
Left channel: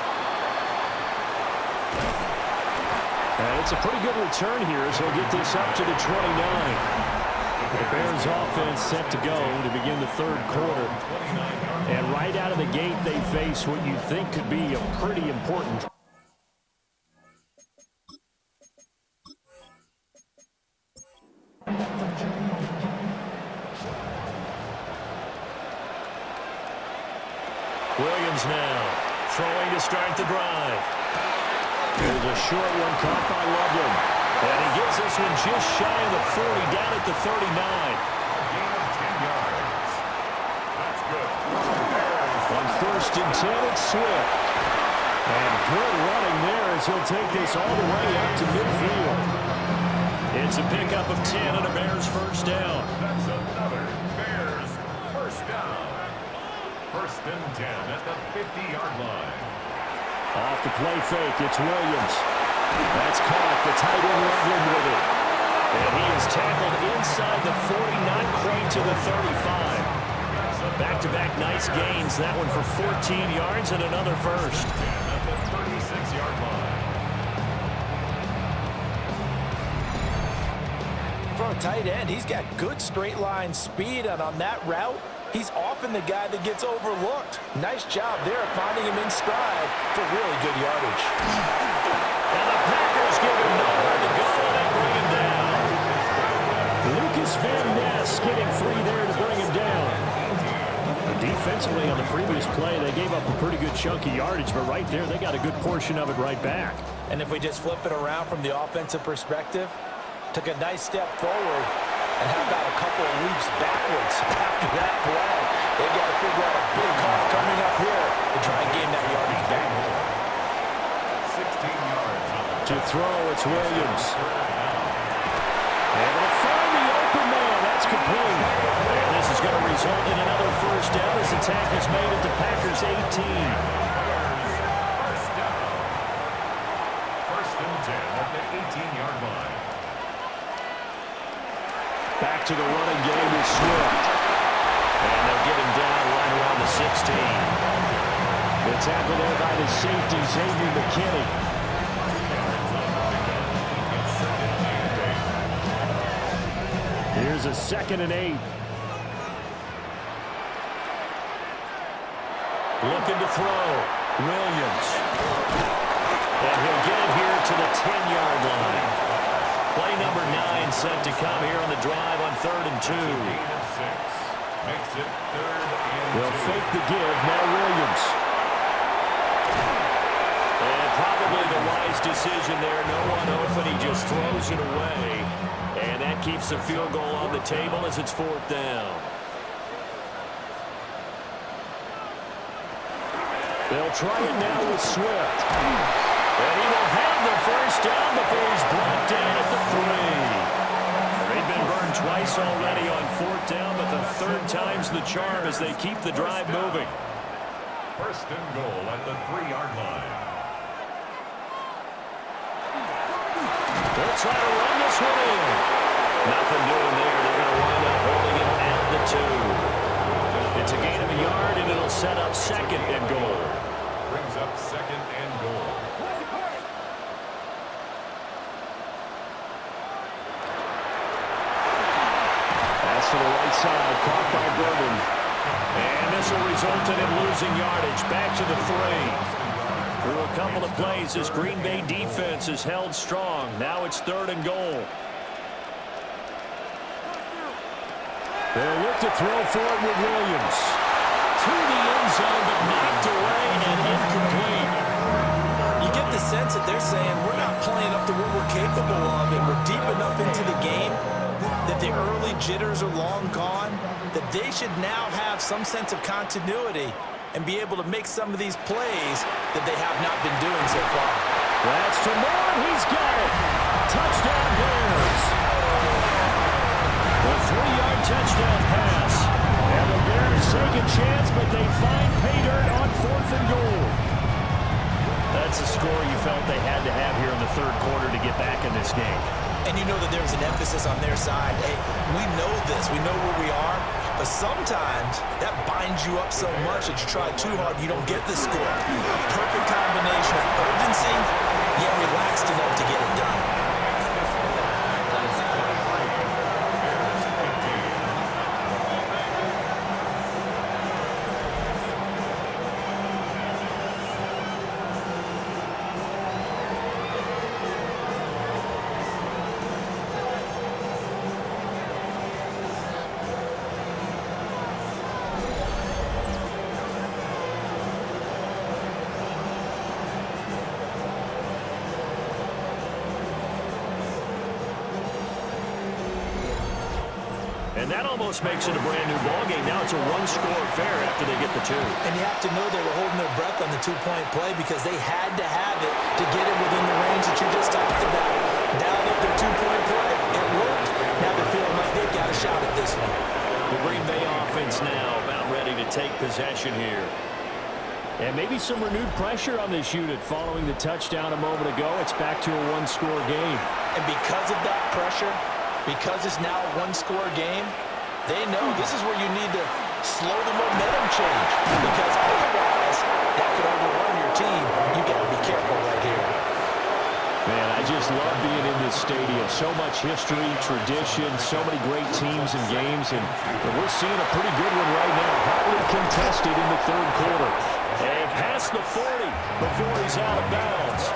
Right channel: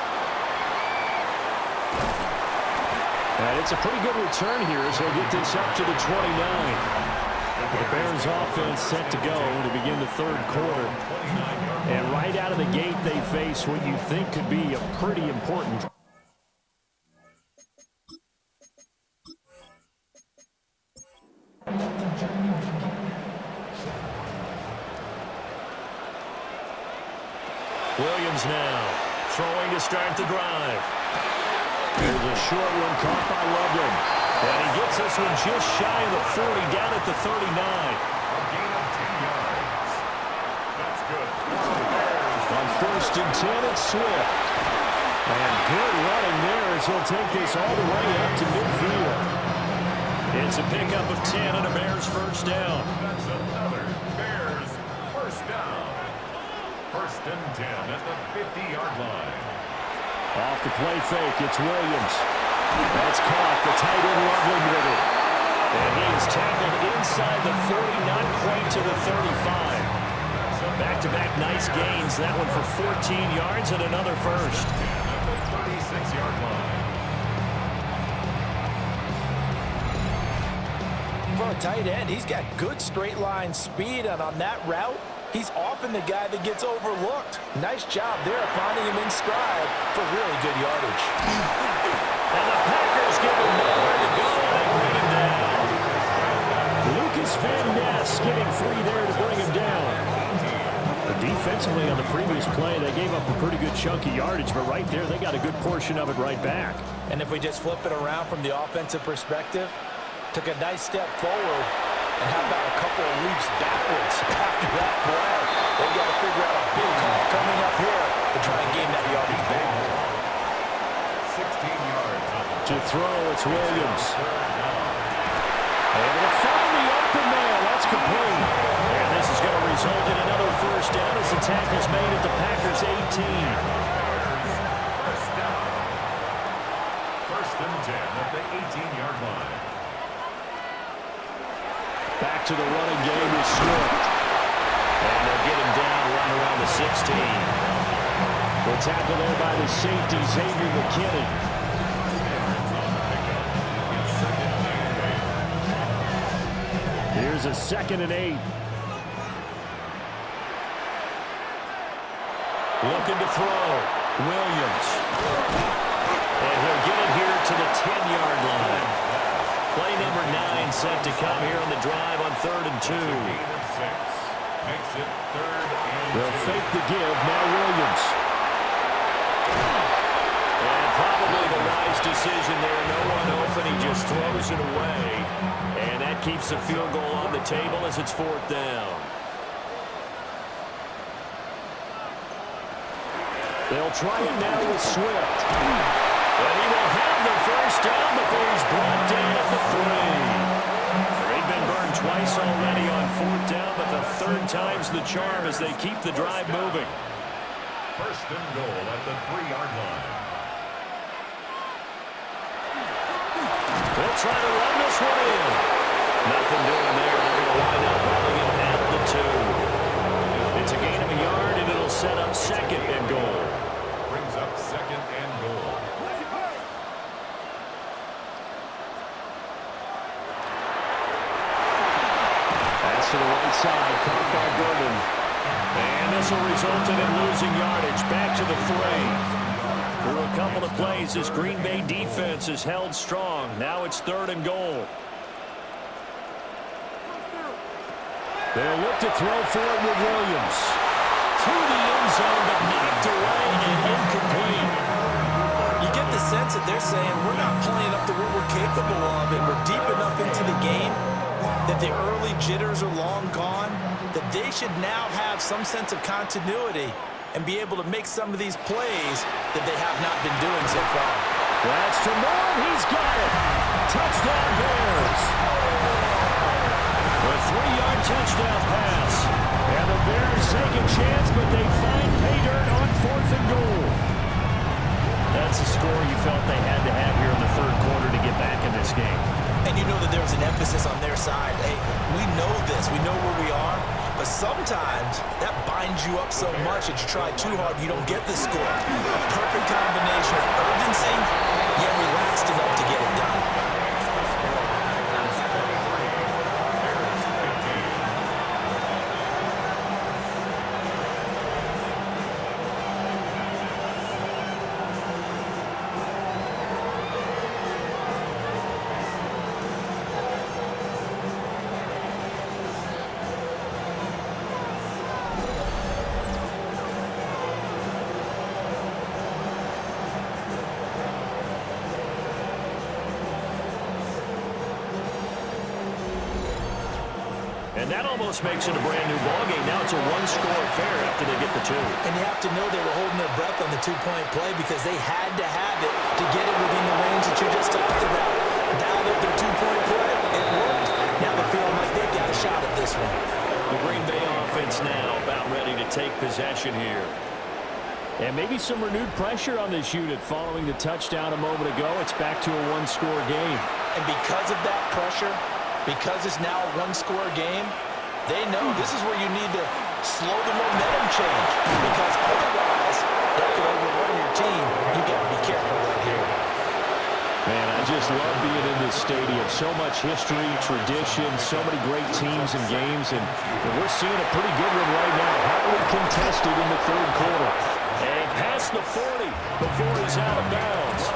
And it's a pretty good return here as they'll get this up to the 29. The Bears offense set to go to begin the third quarter. And right out of the gate, they face what you think could be a pretty important Williams now, throwing to start the drive. There's a short one caught by Loveland. And he gets this one just shy of the 40, down at the 39. A gain of 10 yards. That's good. On 1st and 10, it's Swift. And good running there as he'll take this all the way up to midfield. It's a pickup of 10 and a Bears first down. That's another Bears first down. 1st and 10 at the 50-yard line. Off the play fake, it's Williams. That's caught, the tight end Loveland with it. And he is tackled inside the 40, not quite to the 35. Back-to-back nice gains, that one for 14 yards and another first. 10 at the 36-yard line. For a tight end, he's got good straight line speed, and on that route, he's often the guy that gets overlooked. Nice job there of finding him in stride for really good yardage. And the Packers give him nowhere to go, and they bring him down. Lucas Van Ness getting free there to bring him down. Defensively on the previous play, they gave up a pretty good chunk of yardage, but right there, they got a good portion of it right back. And if we just flip it around from the offensive perspective, took a nice step forward, and how about a couple of leaps backwards after that play? They've got to figure out a big call coming up here to try and gain that yardage back. 16 yards on the To throw, it's Williams. Able to find the open man. That's complete. And this is going to result in another first down as the tackle's made at the Packers' 18. Bears first down. 1st and 10 at the 18-yard line. Back to the running game with Swift. And they'll get him down right around the 16. The tackle there by the safety, Xavier McKinney. Here's a 2nd and 8. Looking to throw. Williams. And he'll get it here to the 10-yard line. Play number 9 set to come here on the drive on 3rd and 2. Makes it 3rd and 2. They'll fake the give. Now Williams. And probably the wise decision there. No one open. He just throws it away. And that keeps the field goal on the table as it's 4th down. They'll try it now with Swift. And he will have the first down before he's brought down at the 3. They've been burned twice already on 4th down, but the 3rd time's the charm as they keep the drive moving. 1st and goal at the 3-yard line. They'll try to run this one in. Nothing doing there. They're going to wind up holding him at the 2. It's a gain of a yard, and it'll set up 2nd and goal. Brings up 2nd and goal. pass to the right side, caught by Burden. And this will result in him losing yardage. Back to the 3. Through a couple of plays, this Green Bay defense is held strong. Now it's 3rd and goal. They'll look to throw for it with Williams. To the end zone, but knocked away and incomplete. You get the sense that they're saying we're not playing up to what we're capable of, and we're deep enough into the game that the early jitters are long gone, that they should now have some sense of continuity and be able to make some of these plays that they have not been doing so far. That's to Moore, and he's got it. Touchdown Bears. A 3-yard touchdown pass. And the Bears take a chance, but they find pay dirt on 4th and goal. That's a score you felt they had to have here in the 3rd quarter to get back in this game. And you know that there was an emphasis on their side. Hey, we know this. We know where we are. But sometimes that binds you up so much that you try too hard, you don't get the score. A perfect combination of urgency, yet relaxed enough to get it done. And that almost makes it a brand new ballgame. Now it's a 1-score affair after they get the 2. And you have to know they were holding their breath on the 2-point play because they had to have it to get it within the range that you just talked about. Dialed up their 2-point play. It worked. Now they're feeling like they've got a shot at this one. The Green Bay offense now about ready to take possession here. And maybe some renewed pressure on this unit following the touchdown a moment ago. It's back to a 1-score game. And because of that pressure, because it's now a 1-score game, they know this is where you need to slow the momentum change, because otherwise that could overrun your team. You got to be careful right here. Man, I just love being in this stadium. So much history, tradition, so many great teams and games, and we're seeing a pretty good one right now. Hotly contested in the 3rd quarter. And past the 40 before he's out of bounds.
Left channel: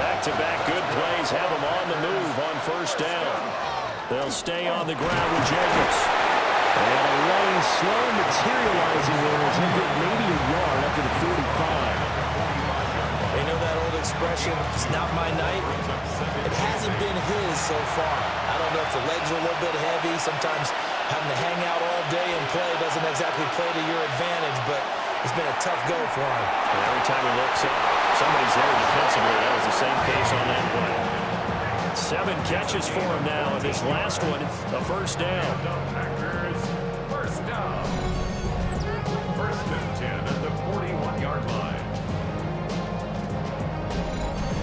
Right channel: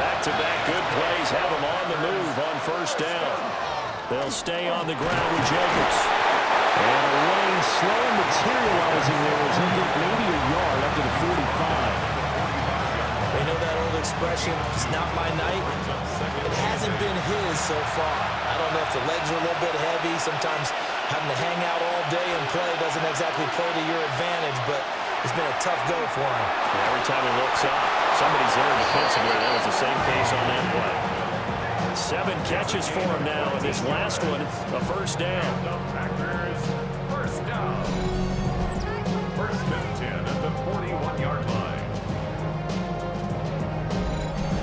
Back-to-back good plays have him on the move on 1st down. They'll stay on the ground with Jacobs. And a lane slow materializing there as he'll get maybe a yard up to the 45. They know that old expression, it's not my night. It hasn't been his so far. I don't know if the legs are a little bit heavy. Sometimes having to hang out all day and play doesn't exactly play to your advantage, but it's been a tough go for him. And every time he looks up, somebody's there defensively. That was the same case on that play. 7 catches for him now, and this last one, a 1st down. Packers, 1st down. 1st and 10 at the 41-yard line.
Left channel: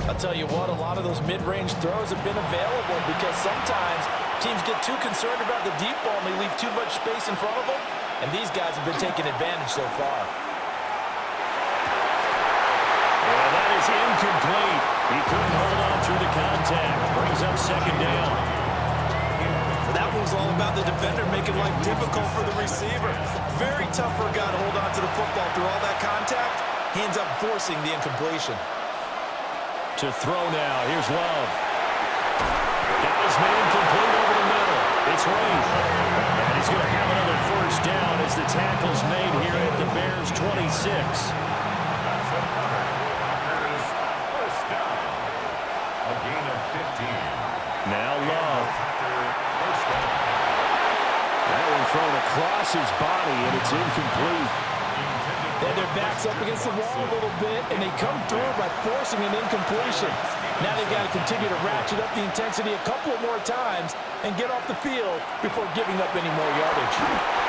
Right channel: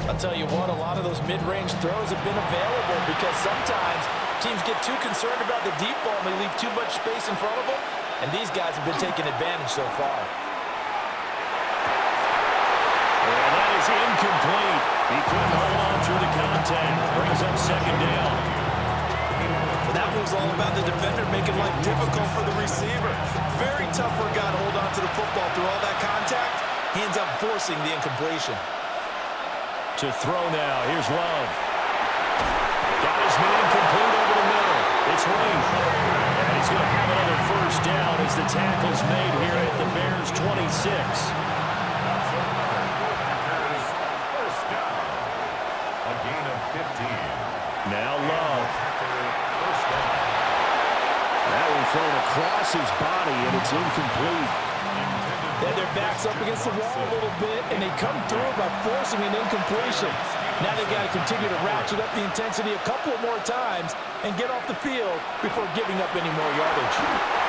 I'll tell you what, a lot of those mid-range throws have been available because sometimes teams get too concerned about the deep ball and they leave too much space in front of them, and these guys have been taking advantage so far. And that is incomplete. He couldn't hold on through the contact. Brings up 2nd down. Well, that was all about the defender making life difficult for the receiver. Very tough for a guy to hold on to the football through all that contact. He ends up forcing the incompletion. To throw now. Here's Love. Got his man complete over the middle. It's Ring. And he's going to have another 1st down as the tackle's made here at the Bears' 26. That's another Packers 1st down. A gain of 15. Now Love. First down. That one thrown across his body, and it's incomplete. Then their backs up against the wall a little bit, and they come through by forcing an incompletion. Now they've got to continue to ratchet up the intensity a couple of more times and get off the field before giving up any more yardage.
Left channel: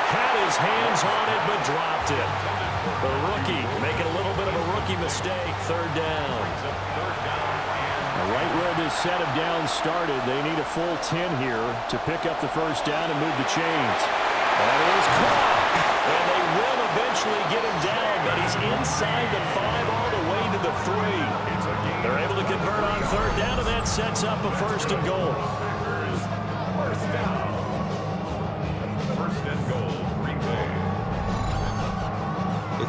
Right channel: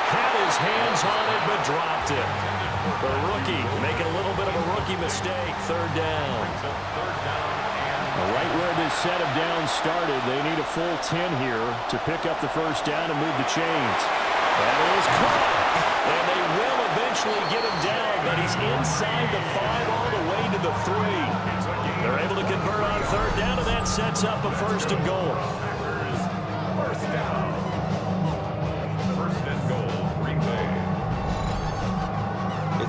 Had his hands on it, but dropped it. The rookie making a little bit of a rookie mistake. 3rd down. Right where this set of downs started, they need a full 10 here to pick up the 1st down and move the chains. That is caught. And they will eventually get him down, but he's inside the 5 all the way to the 3. They're able to convert on 3rd down, and that sets up a 1st and goal. Packers 1st down.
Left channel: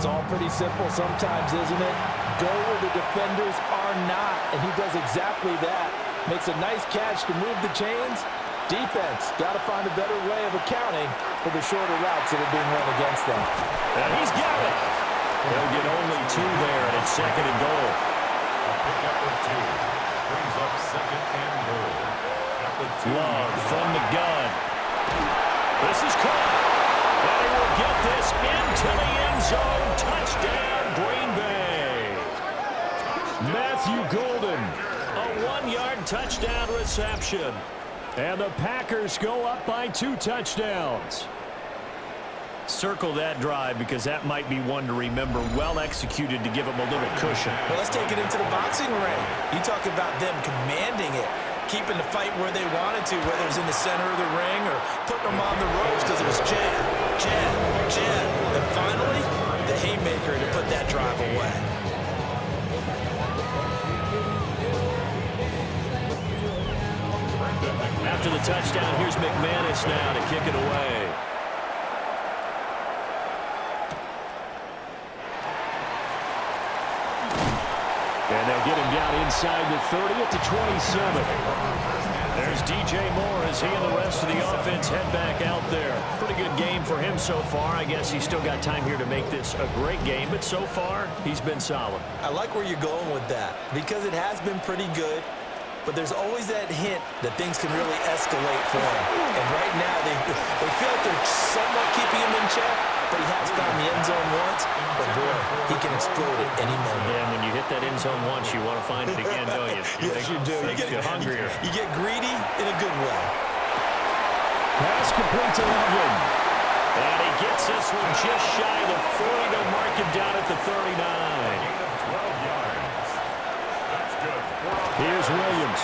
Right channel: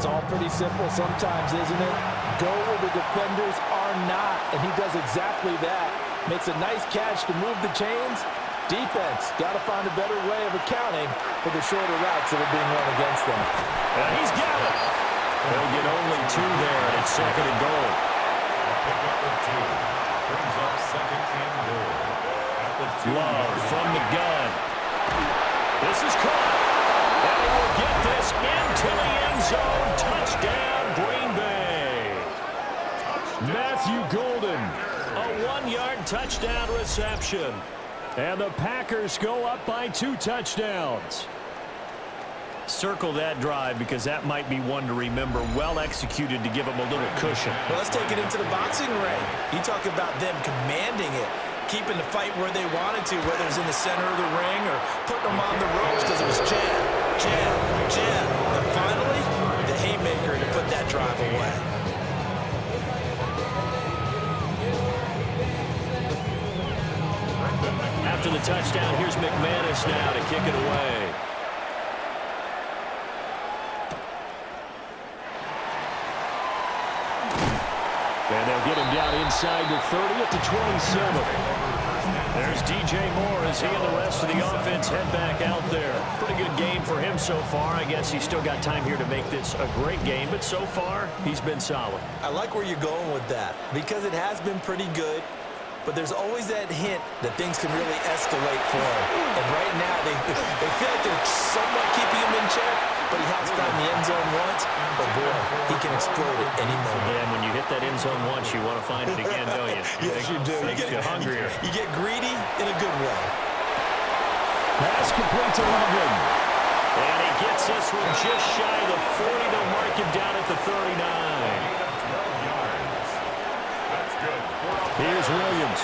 It's all pretty simple sometimes, isn't it? Go where the defenders are not, and he does exactly that. Makes a nice catch to move the chains. Defense, got to find a better way of accounting for the shorter routes that are being run against them. And he's got it. They'll get only 2 there, and it's 2nd and goal. A pickup of 2 brings up 2nd and goal. At the 2 Love from the gun. This is caught. And he will get this into the end zone. Touchdown, Green Bay. Matthew Golden, a 1-yard touchdown reception. And the Packers go up by 2 touchdowns. Circle that drive because that might be one to remember. Well executed to give them a little cushion. Well, let's take it into the boxing ring. You talk about them commanding it, keeping the fight where they wanted to, whether it was in the center of the ring or putting them on the ropes because it was jab, jab, jab. And finally, the haymaker to put that drive away. After the touchdown, here's McManus now to kick it away. And they'll get him down inside the 30 at the 27. There's DJ Moore as he and the rest of the offense head back out there. Pretty good game for him so far. I guess he's still got time here to make this a great game, but so far, he's been solid. I like where you're going with that because it has been pretty good. But there's always that hint that things can really escalate for him. And right now, they feel like they're somewhat keeping him in check, but he has found the end zone once. But, boy, he can explode at any moment. Yeah, and when you hit that end zone once, you want to find it again, don't you? Yes, you do. Makes you hungrier. You get greedy in a good way. Pass complete to Logan. And he gets this one just shy of the 40. They'll mark him down at the 39. gain of 12 yards. That's good. Here's Williams.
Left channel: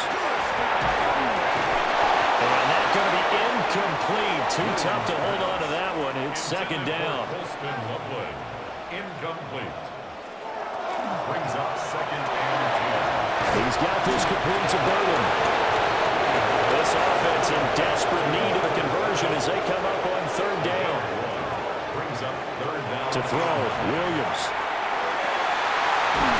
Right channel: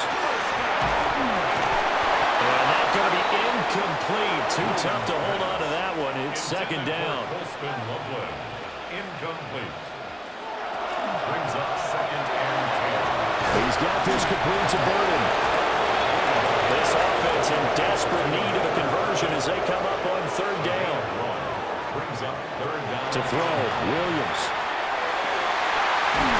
And that's going to be incomplete. Too tough to hold on to that one. It's 2nd down. Incomplete. Brings up 2nd and 10. He's got this complete to Burden. This offense in desperate need of a conversion as they come up on 3rd down. Brings up 3rd down. To throw, Williams.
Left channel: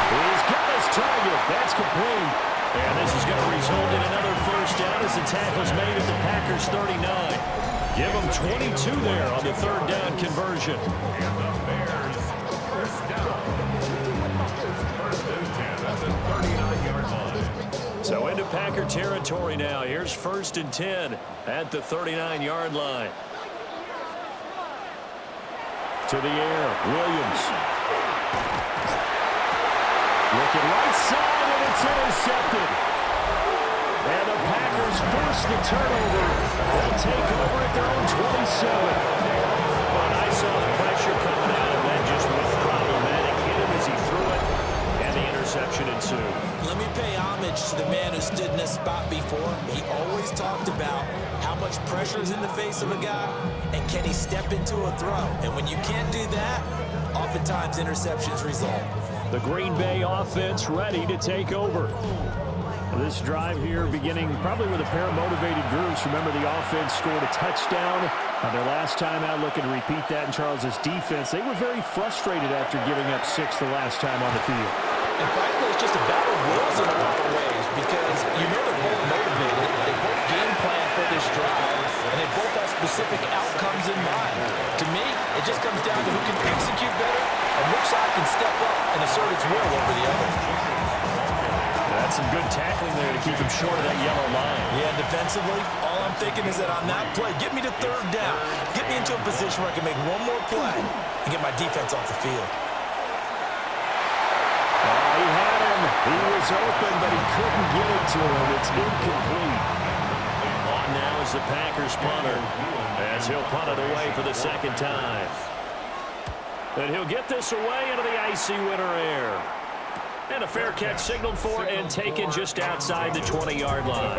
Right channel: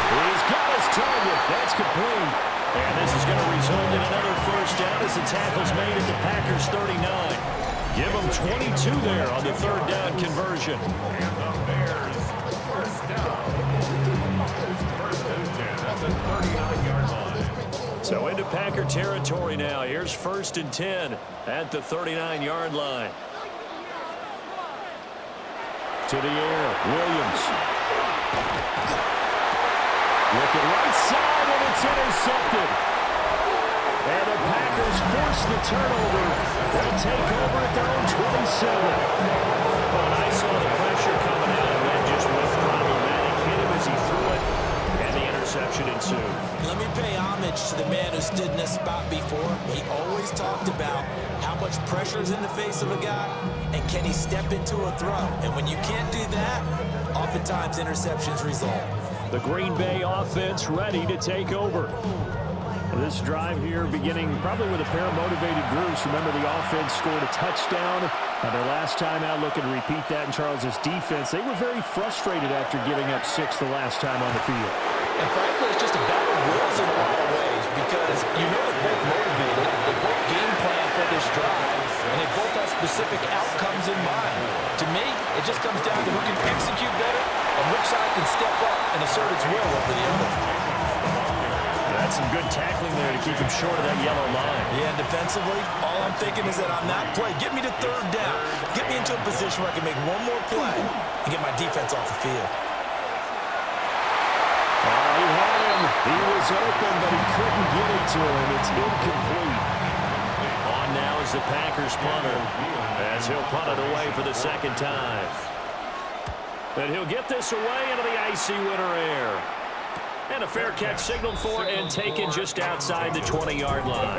He's got his target. That's complete. And this is going to result in another 1st down as the tackle's made at the Packers' 39. Give them 22 there on the 3rd down conversion. And the Bears, 1st down. 1st and 10 at the 39-yard line. So into Packer territory now. Here's 1st and 10 at the 39-yard line. To the air, Williams. Looking right side, and it's intercepted. And the Packers force the turnover. They'll take over at their own 27. But I saw the pressure coming out, and that just was problematic. Hit him as he threw it, and the interception ensued. Let me pay homage to the man who stood in this spot before. He always talked about how much pressure is in the face of a guy, and can he step into a throw. And when you can't do that, oftentimes interceptions result. The Green Bay offense ready to take over. This drive here beginning probably with a pair of motivated groups. Remember, the offense scored a touchdown their last time out, looking to repeat that in Charles's defense. They were very frustrated after giving up 6 the last time on the field. And frankly, it's just a battle of wills in a lot of ways because you know they're both motivated. They both game plan for this drive, and they both have specific outcomes in mind. To me, it just comes down to who can execute better and which side can step up and assert its will over the other. That's some good tackling there to keep him short of that yellow line. Yeah, and defensively, all I'm thinking is that on that play, get me to 3rd down. Get me into a position where I can make one more play and get my defense off the field. Oh, he had him. He was open, but he couldn't get it to him. It's incomplete. On now is the Packers punter as he'll punt it away for the 2nd time. And he'll get this away into the icy winter air. And a fair catch signaled for and taken just outside the 20-yard line.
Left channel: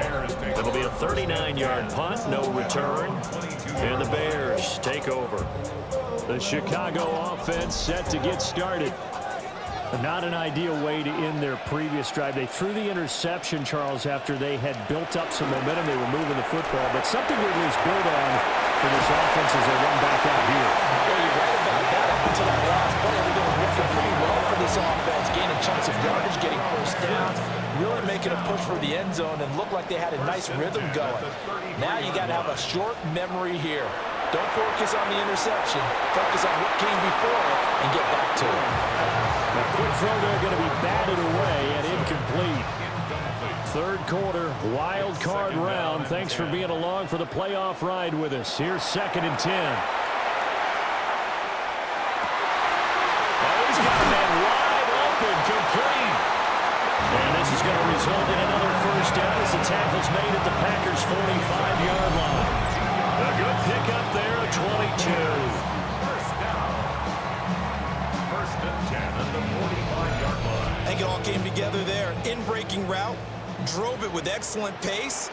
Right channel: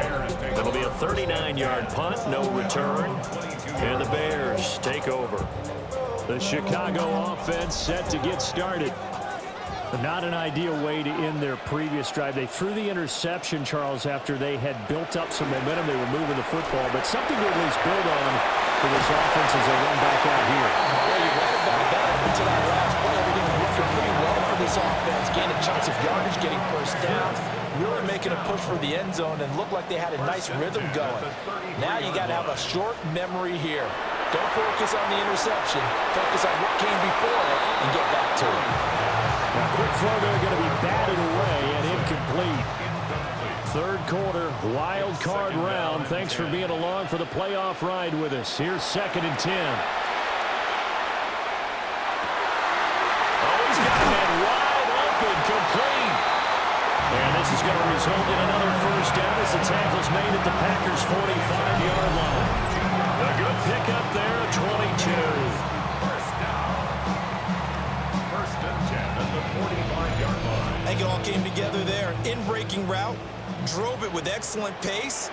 It'll be a 39-yard punt, no return. And the Bears take over. The Chicago offense set to get started. Not an ideal way to end their previous drive. They threw the interception, Charles, after they had built up some momentum. They were moving the football, but something to at least build on for this offense as they run back out here. Yeah, you're right about that. Up until that last play, everything was working pretty well for this offense, gaining chunks of yardage, getting first downs, really making a push for the end zone, and looked like they had a nice rhythm going. Now you got to have a short memory here. Don't focus on the interception. Focus on what came before it and get back to it. Now, quick throw there going to be batted away and incomplete. Third quarter, wild card round. Thanks for being along for the playoff ride with us. Here's 2nd and 10. Oh, he's got a man wide open, complete. And this is going to result in another first down as the tackle's made at the Packers' 45-yard line. A good pickup there, a 22. First down. 1st and 10 at the 45-yard line. I think it all came together there. In-breaking route, drove it with excellent pace.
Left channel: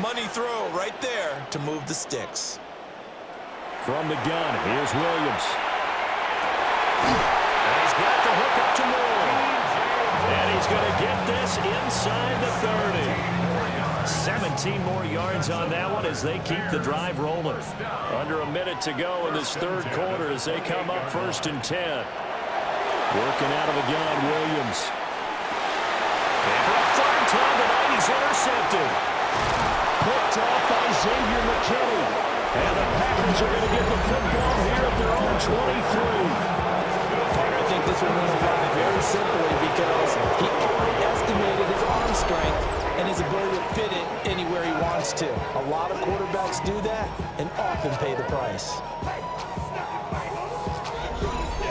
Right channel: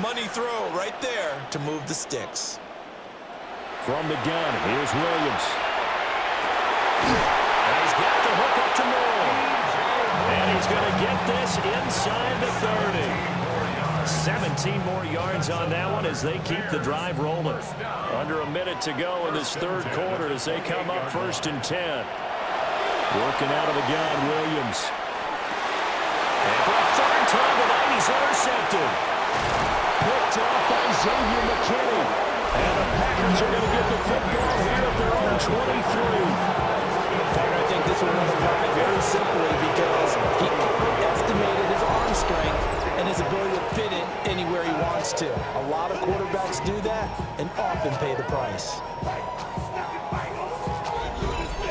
Money throw right there to move the sticks. From the gun, here's Williams. And he's got the hook up to Moore. And he's going to get this inside the 30. 17 more yards on that one as they keep the drive rolling. Under a minute to go in this third quarter as they come up 1st and 10. Working out of the gun, Williams. And for a third time tonight, he's intercepted. Picked off by Xavier McKinney. And the Packers are going to get the football here at their own 23. I think this one was applied very simply because he estimated his arm strength and his ability to fit it anywhere he wants to. A lot of quarterbacks do that and often pay the price.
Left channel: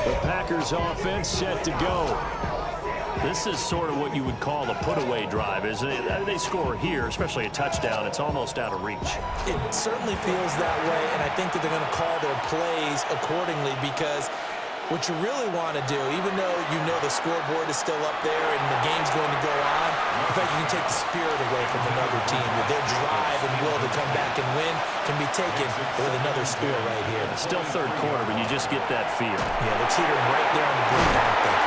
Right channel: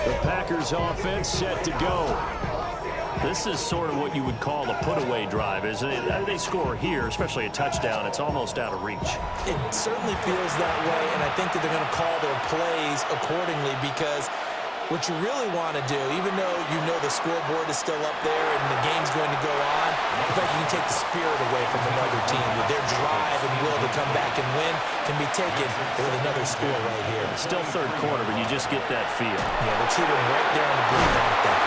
The Packers offense set to go. This is sort of what you would call a put-away drive, isn't it? They score here, especially a touchdown. It's almost out of reach. It certainly feels that way, and I think that they're going to call their plays accordingly because what you really want to do, even though you know the scoreboard is still up there and the game's going to go on, in fact, you can take the spirit away from another team. Their drive and will to come back and win can be taken with another score right here. Still third quarter, but you just get that feel. Yeah, they're teetering right there on the brink, aren't they?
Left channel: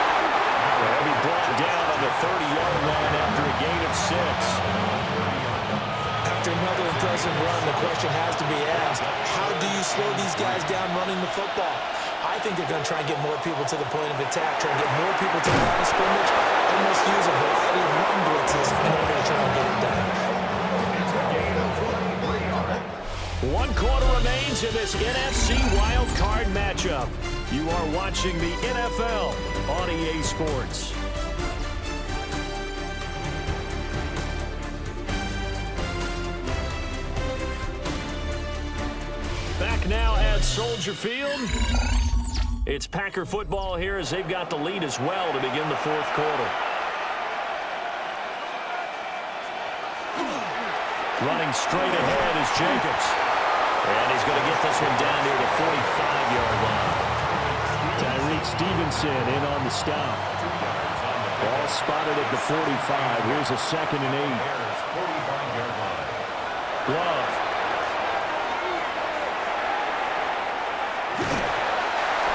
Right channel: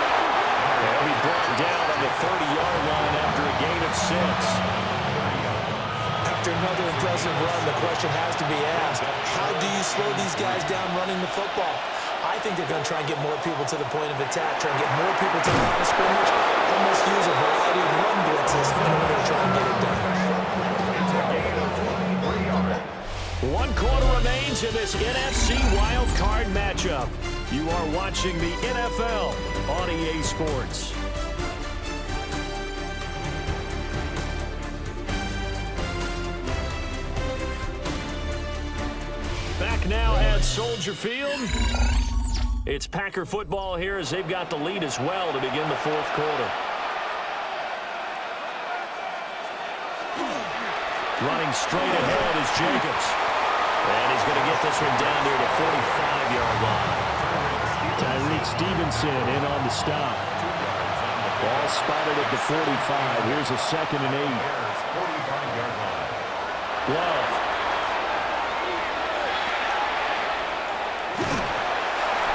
They'll be brought down on the 30-yard line after a gain of 6. After another impressive run, the question has to be asked, how do you slow these guys down running the football? I think they're going to try and get more people to the point of attack, try and get more people to the line of scrimmage, almost use a variety of run blitzes in order to try and get it done. It's a gain of 23 yards. 1 quarter remains in this NFC Wild Card matchup. You are watching the NFL on EA Sports. Back now at Soldier Field. It's Packer football here as they've got the lead as well to begin the fourth quarter. Running straight ahead is Jacobs. And he's going to get this one down near the 45-yard line. Tyreek Stevenson in on the stop. Ball spotted at the 45. Here's a 2nd and 8. Glove.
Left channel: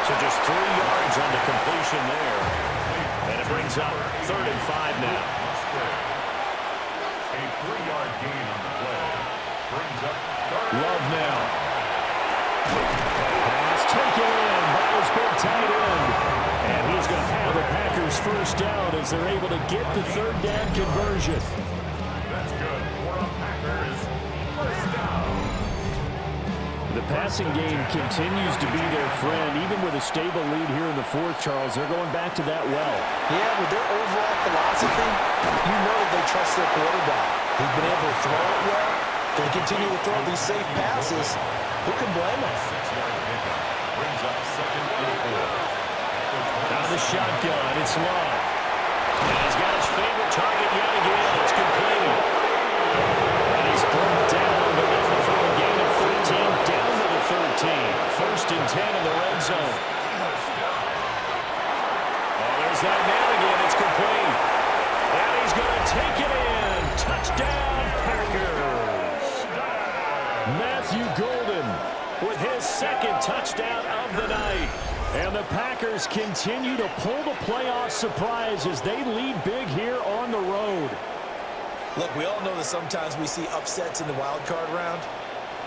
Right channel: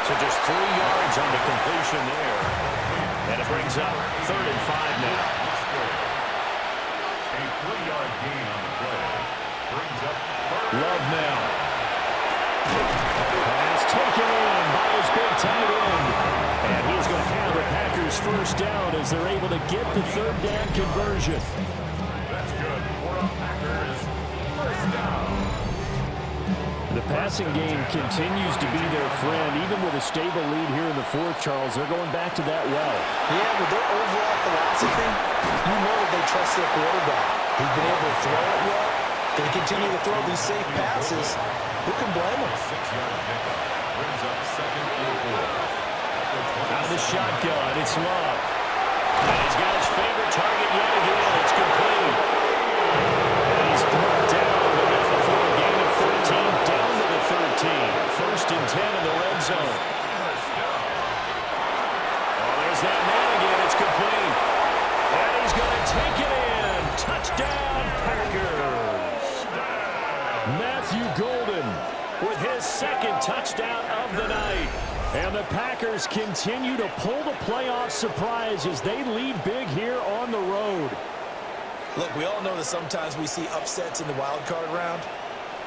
So just 3 yards on the completion there. And it brings up 3rd and 5 now. A 3-yard gain on the play. Brings up 3rd. Love now. Pass taken in by his big tight end. And he's going to have the Packers first down as they're able to get the 3rd down conversion. That's good for a Packers first down. The passing game continues to be their friend, even with a stable lead here in the fourth, Charles. They're going back to that well. Yeah, with their overall philosophy, you know that they trust their quarterback. He's been able to throw it well. They continue to throw these safe passes. Who can blame them? 6-yard pickup brings up 2nd and 4. Out of the shotgun, it's Love. And he's got his favorite target yet again. It's complete. And he's brought down, but that's before a gain of 13 down to the 13. 1st and 10 in the red zone. Oh, there's that man again. It's complete. And he's going to take it in. Touchdown, Packers. Matthew Golden With his 2nd touchdown of the night. And the Packers continue to pull the playoff surprise as they lead big here on the road. Look, we all know that sometimes we see upsets in the wild card round,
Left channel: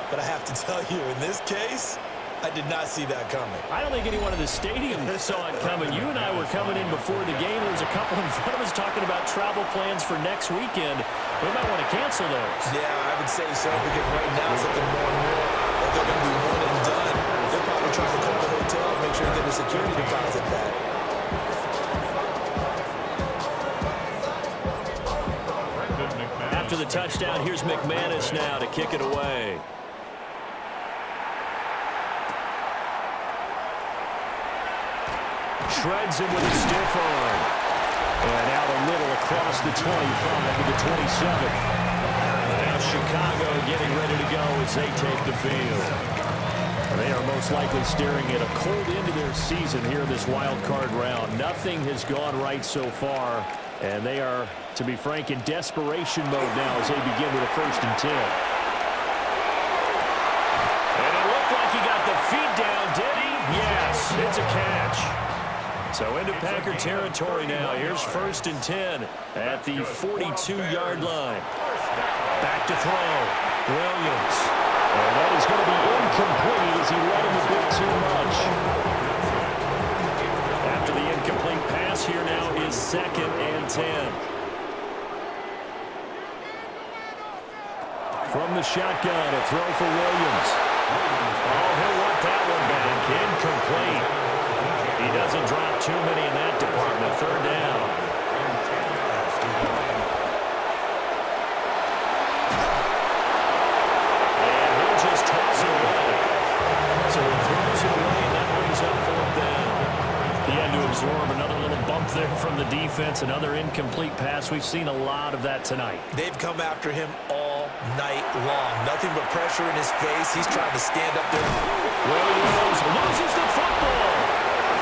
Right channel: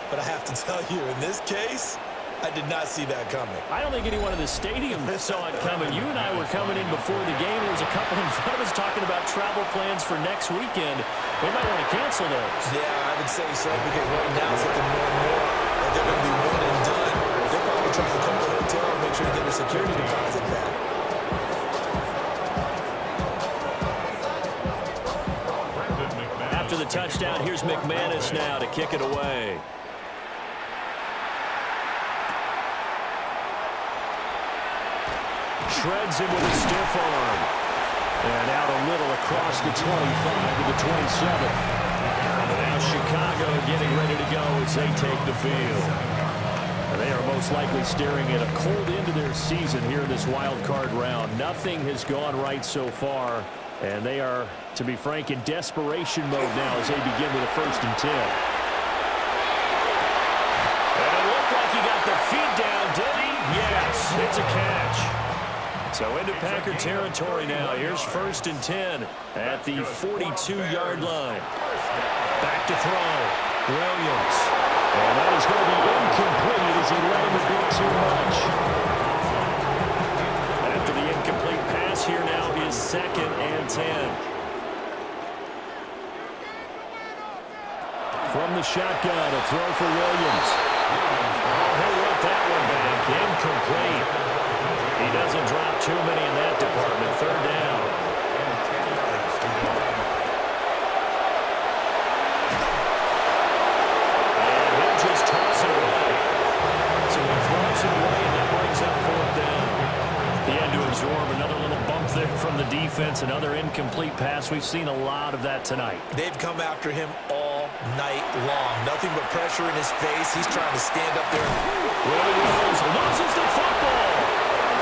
but I have to tell you, in this case, I did not see that coming. I don't think anyone in the stadium saw it coming. You and I were coming in before the game. There was a couple in front of us talking about travel plans for next weekend. We might want to cancel those. Yeah, I would say so, because right now it's looking more and more that they're going to be one and done. They're probably trying to call the hotel and make sure to get their security deposit back. After the touchdown, here's McManus now to kick it away. Shreds him with a stiff arm. And out a little across the 25 to the 27. Now Chicago getting ready to go as they take the field. And they are most likely staring at a cold end to their season here in this wild card round. Nothing has gone right so far. And they are, to be frank, in desperation mode now as they begin with a 1st and 10. And it looked like he got the feet down, did he? Yes, it's a catch. So into Packer territory now. Here's 1st and 10 at the 42-yard line. Back to throw. Williams. And that is going to be incomplete as he led him a bit too much. After the incomplete pass, here now is 2nd and 10. From the shotgun, a throw for Williams. Oh, he'll want that one back. Incomplete. He doesn't drop too many in that department. 3rd down. And he'll just toss it away. So he throws it away, and that brings up 4th down. He had to absorb another little bump there from the defense, another incomplete pass. We've seen a lot of that tonight. They've come after him all night long. Nothing but pressure in his face. He's trying to stand up there. Williams loses the football.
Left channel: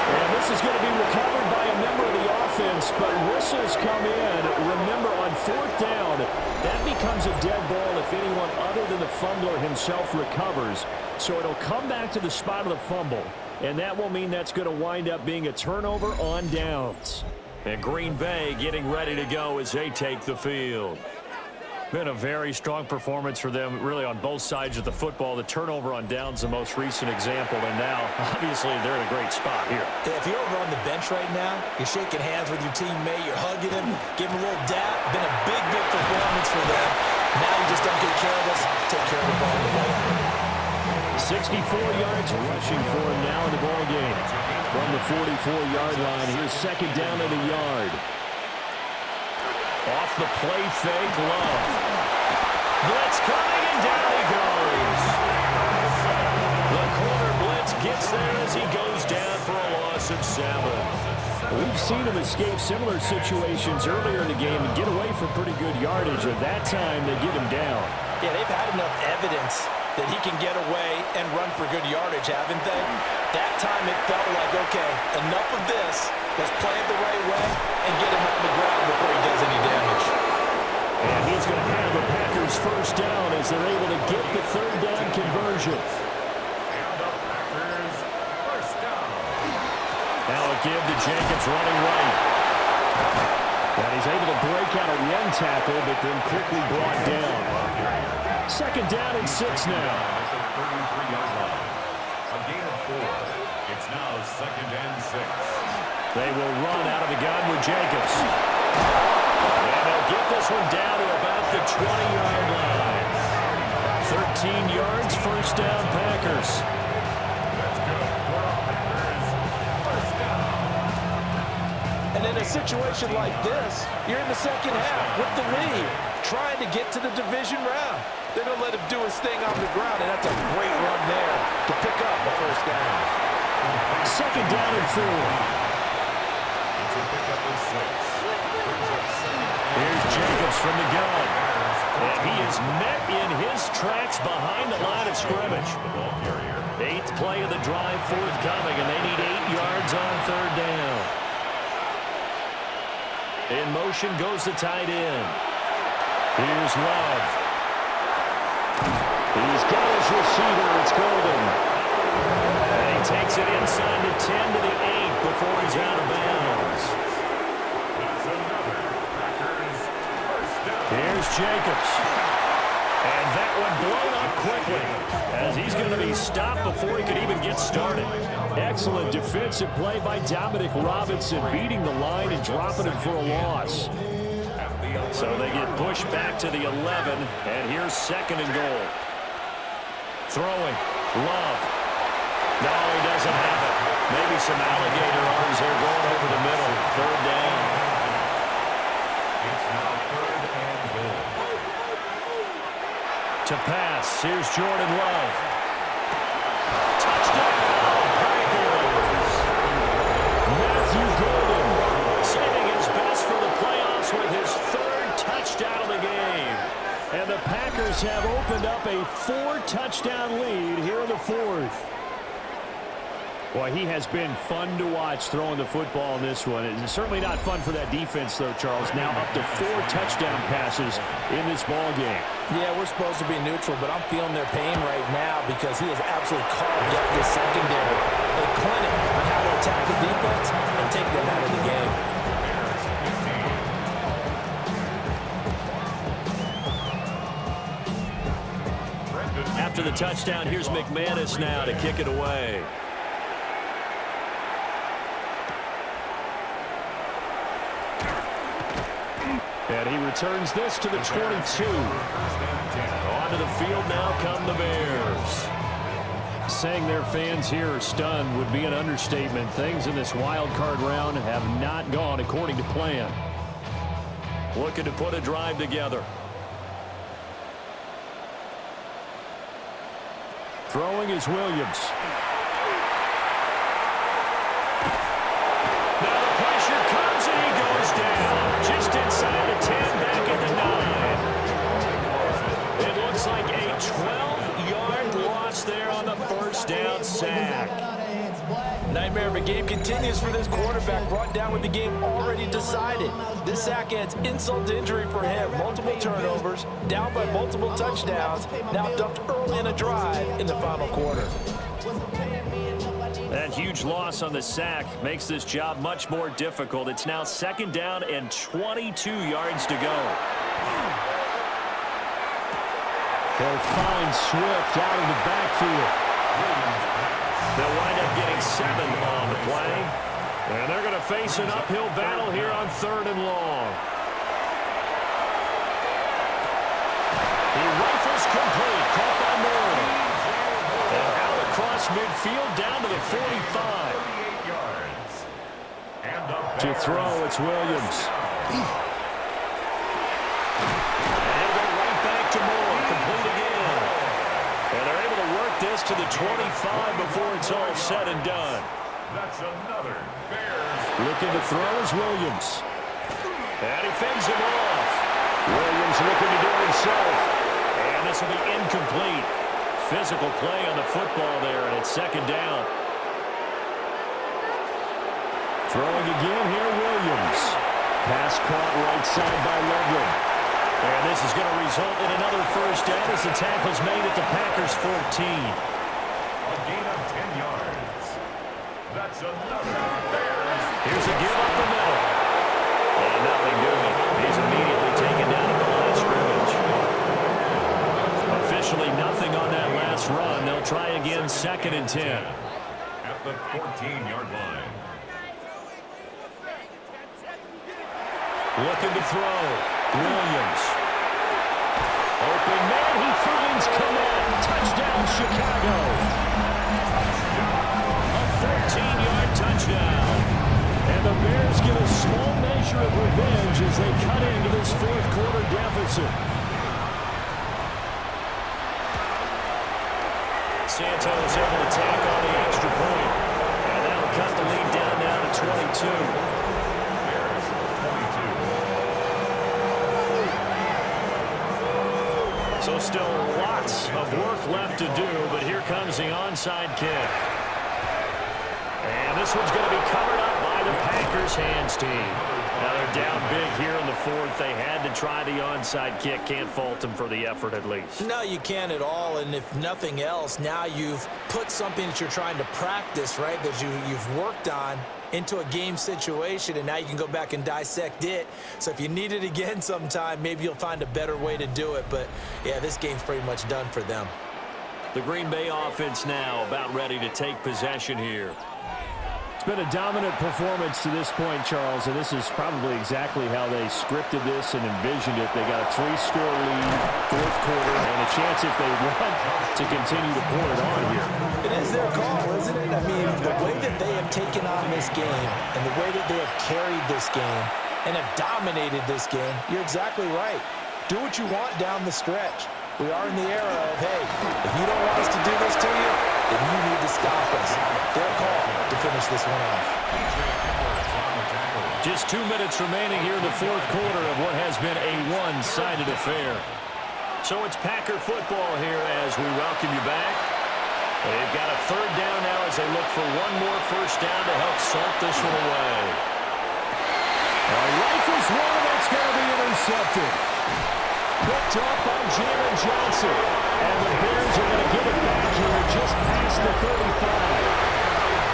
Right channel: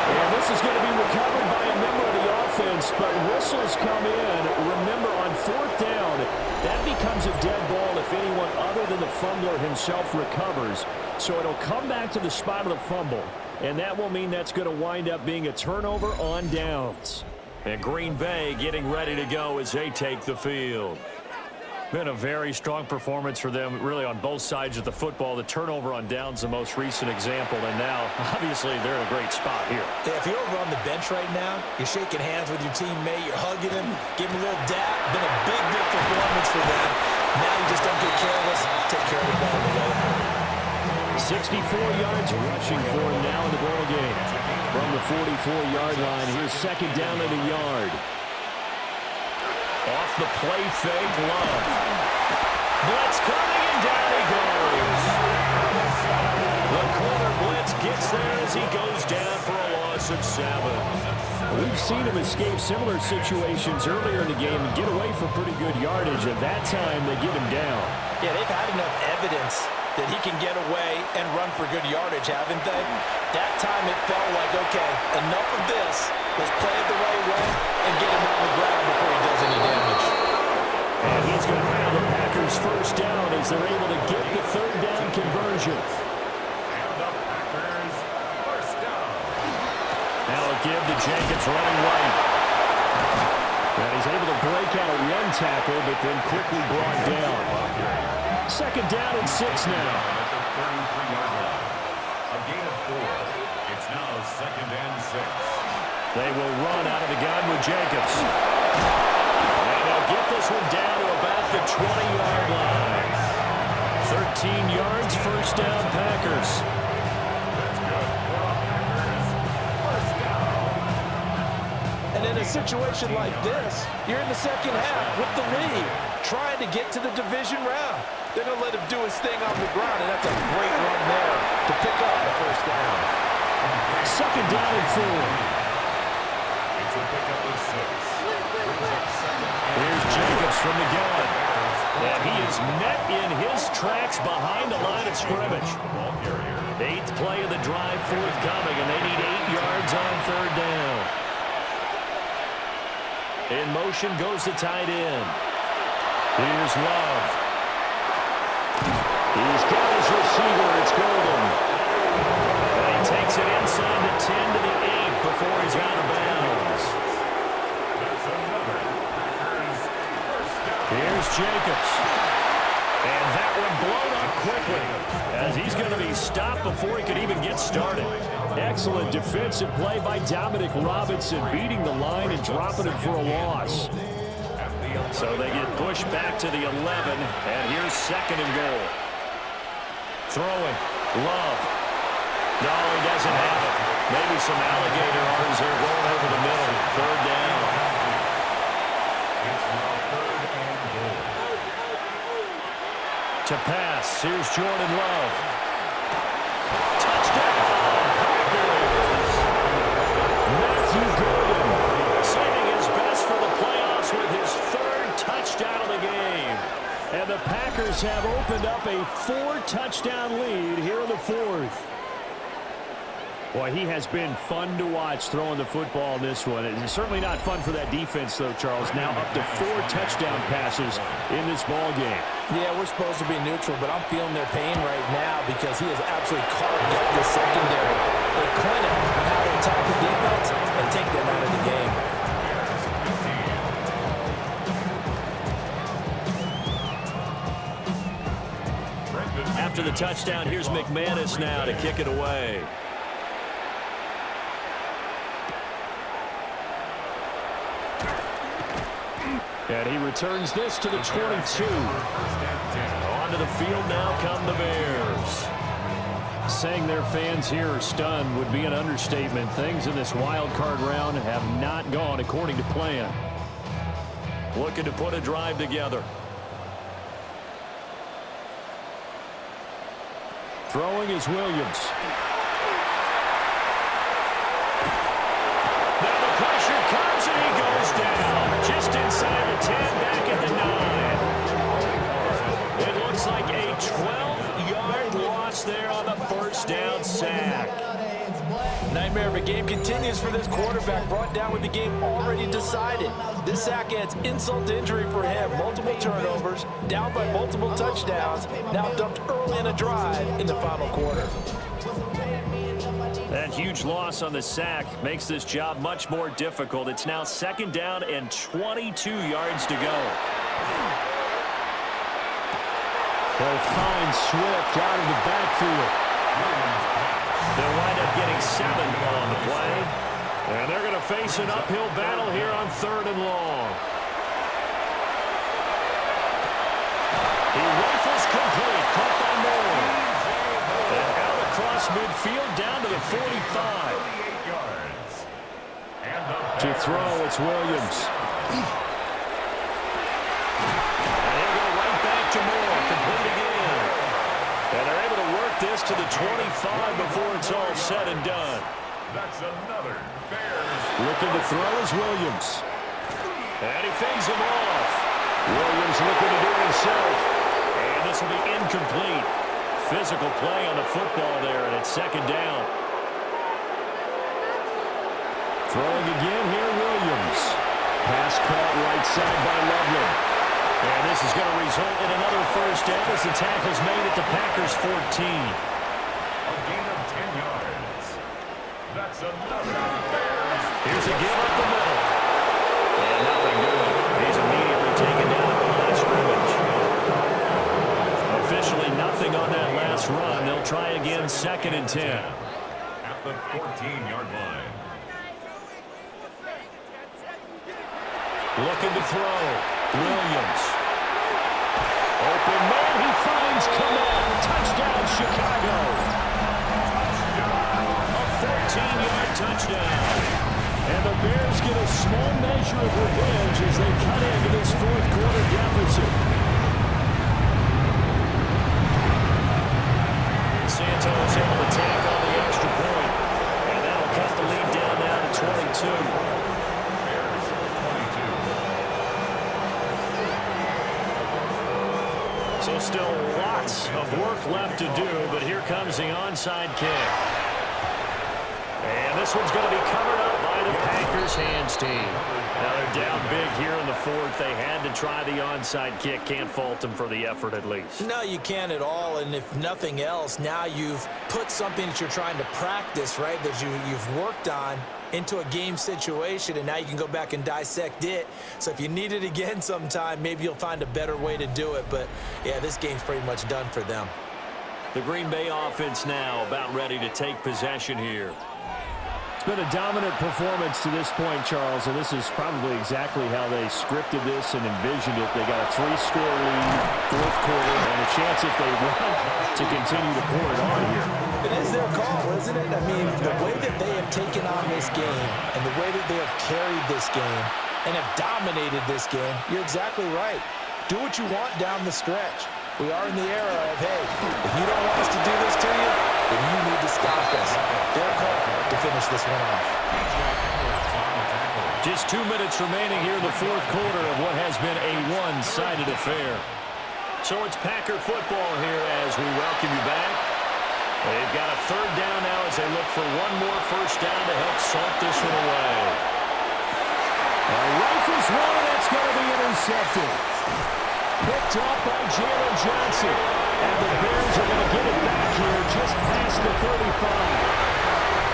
And this is going to be recovered by a member of the offense, but whistles come in. Remember, on 4th down, that becomes a dead ball if anyone other than the fumbler himself recovers. So it'll come back to the spot of the fumble, and that will mean that's going to wind up being a turnover on downs. And Green Bay getting ready to go as they take the field. Been a very strong performance for them, really, on both sides of the football. The turnover on downs, the most recent example, and now, obviously, they're in a great spot here. Yeah, if you're over on the bench right now, you're shaking hands with your teammate, you're hugging him, giving him a little dap. Been a big performance for them. Now you just don't get careless. Take care of the ball on the way out. 64 yards rushing for him now in the ball game. From the 44-yard line, here's 2nd down and a yard. Off the play fake, Love. Blitz coming, and down he goes. The corner blitz gets there as he goes down for a loss of 7. We've seen him escape similar situations earlier in the game and get away for pretty good yardage. At that time, they get him down. Yeah, they've had enough evidence that he can get away and run for good yardage, haven't they? That time it felt like, okay, enough of this. Let's play it the right way and get him on the ground before he does any damage. And he's going to have the Packers 1st down as they're able to get the 3rd down conversion. And the Packers 1st down. Now a give to Jenkins running right. And he's able to break out a 1 tackle, but then quickly brought down. 2nd down and 6 now. At the 33-yard line. A gain of 4. It's now 2nd and 6. They will run out of the gun with Jacobs. And they'll get this one down to about the 20-yard line. 13 yards, 1st down, Packers. That's good for the Packers. 1st down. And in a situation like this, you're in the 2nd half with the lead, trying to get to the division round. They're going to let him do his thing on the ground, and that's a great run there to pick up the 1st down. 2nd down and 4. It's a pickup of 6. Here's Jacobs from the gun. And he is met in his tracks behind the line of scrimmage. 8th play of the drive forthcoming, and they need 8 yards on 3rd down. In motion goes the tight end. Here's Love. He's got his receiver. It's Golden. And he takes it inside the 10 to the 8 before he's out of bounds. That's another Packers 1st down. Here's Jacobs. And that one blown up quickly, as he's going to be stopped before he could even get started. Excellent defensive play by Dominic Robinson, beating the line and dropping him for a loss. So they get pushed back to the 11, and here's 2nd and goal. Throwing, Love. No, he doesn't have it. Maybe some alligator arms there going over the middle. 3rd down. It's now 3rd and goal. To pass, here's Jordan Love. Touchdown, Packers! Matthew Golden saving his best for the playoffs with his 3rd touchdown of the game. And the Packers have opened up a 4-touchdown lead here in the 4th. Boy, he has been fun to watch throwing the football in this one. It's certainly not fun for that defense, though, Charles. Now up to 4 touchdown passes in this ball game. Yeah, we're supposed to be neutral, but I'm feeling their pain right now because he has absolutely carved up this secondary. A clinic on how to attack the defense and take them out of the game. After the touchdown, here's McManus now to kick it away. And he returns this to the 22. Onto the field now come the Bears. Saying their fans here are stunned would be an understatement. Things in this wild card round have not gone according to plan. Looking to put a drive together. Throwing is Williams. Now the pressure comes and he goes down. Just inside the 10, back at the 9. It looks like a 12-yard loss there on the 1st down sack. Nightmare of a game continues for this quarterback, brought down with the game already decided. This sack adds insult to injury for him. Multiple turnovers, down by multiple touchdowns, now dumped early in a drive in the final quarter. That huge loss on the sack makes this job much more difficult. It's now 2nd down and 22 yards to go. They'll find Swift out of the backfield. They'll wind up getting 7 on the play. And they're going to face an uphill battle here on 3rd and long. He rifles complete, caught by Moore. And out across midfield down to the 45. To throw, it's Williams. And he'll go right back to Moore, complete again. And they're able to work this to the 25 before it's all said and done. That's another Bears. Looking to throw is Williams. And he fends him off. Williams looking to do it himself. And this will be incomplete. Physical play on the football there, and it's 2nd down. Throwing again here, Williams. Pass caught right side by Loveland. And this is going to result in another 1st down as the tackle's made at the Packers' 14. A gain of 10 yards. That's another Bears. Here's a give up the middle. And nothing doing. He's immediately taken down at the line of scrimmage. Officially nothing on that last run. They'll try again 2nd and 10. At the 14-yard line. Looking to throw. Williams. Open man, he finds Komet. Touchdown, Chicago. A 14-yard touchdown. And the Bears get a small measure of revenge as they cut into this 4th quarter deficit. Santos able to tack on the extra point. And that'll cut the lead down now to 22. Bears 22. So still lots of work left to do, but here comes the onside kick. And this one's going to be covered up by the Packers hands team. Now they're down big here in the 4th. They had to try the onside kick. Can't fault them for the effort at least. No, you can't at all, and if nothing else, now you've put something that you're trying to practice, right, that you've worked on into a game situation, and now you can go back and dissect it. So if you need it again sometime, maybe you'll find a better way to do it. But, yeah, this game's pretty much done for them. The Green Bay offense now about ready to take possession here. It's been a dominant performance to this point, Charles, and this is probably exactly how they scripted this and envisioned it. They got a 3-score lead, fourth quarter, and a chance if they want to continue to pour it on here. It is their call, isn't it? I mean, the way that they have taken on this game and the way that they have carried this game and have dominated this game, you're exactly right. Do what you want down the stretch. We are in the era of, hey, if you don't want us to do this to you, then you need to stop us. Their call to finish this one off. Just 2 minutes remaining here in the fourth quarter of what has been a one-sided affair. So it's Packer football here as we welcome you back. They've got a third down now as they look for one more first down to help salt this one away. Rifles one, and that's going to be intercepted. Picked up by Jalen Johnson. And the Bears are going to get it back here just past the 35.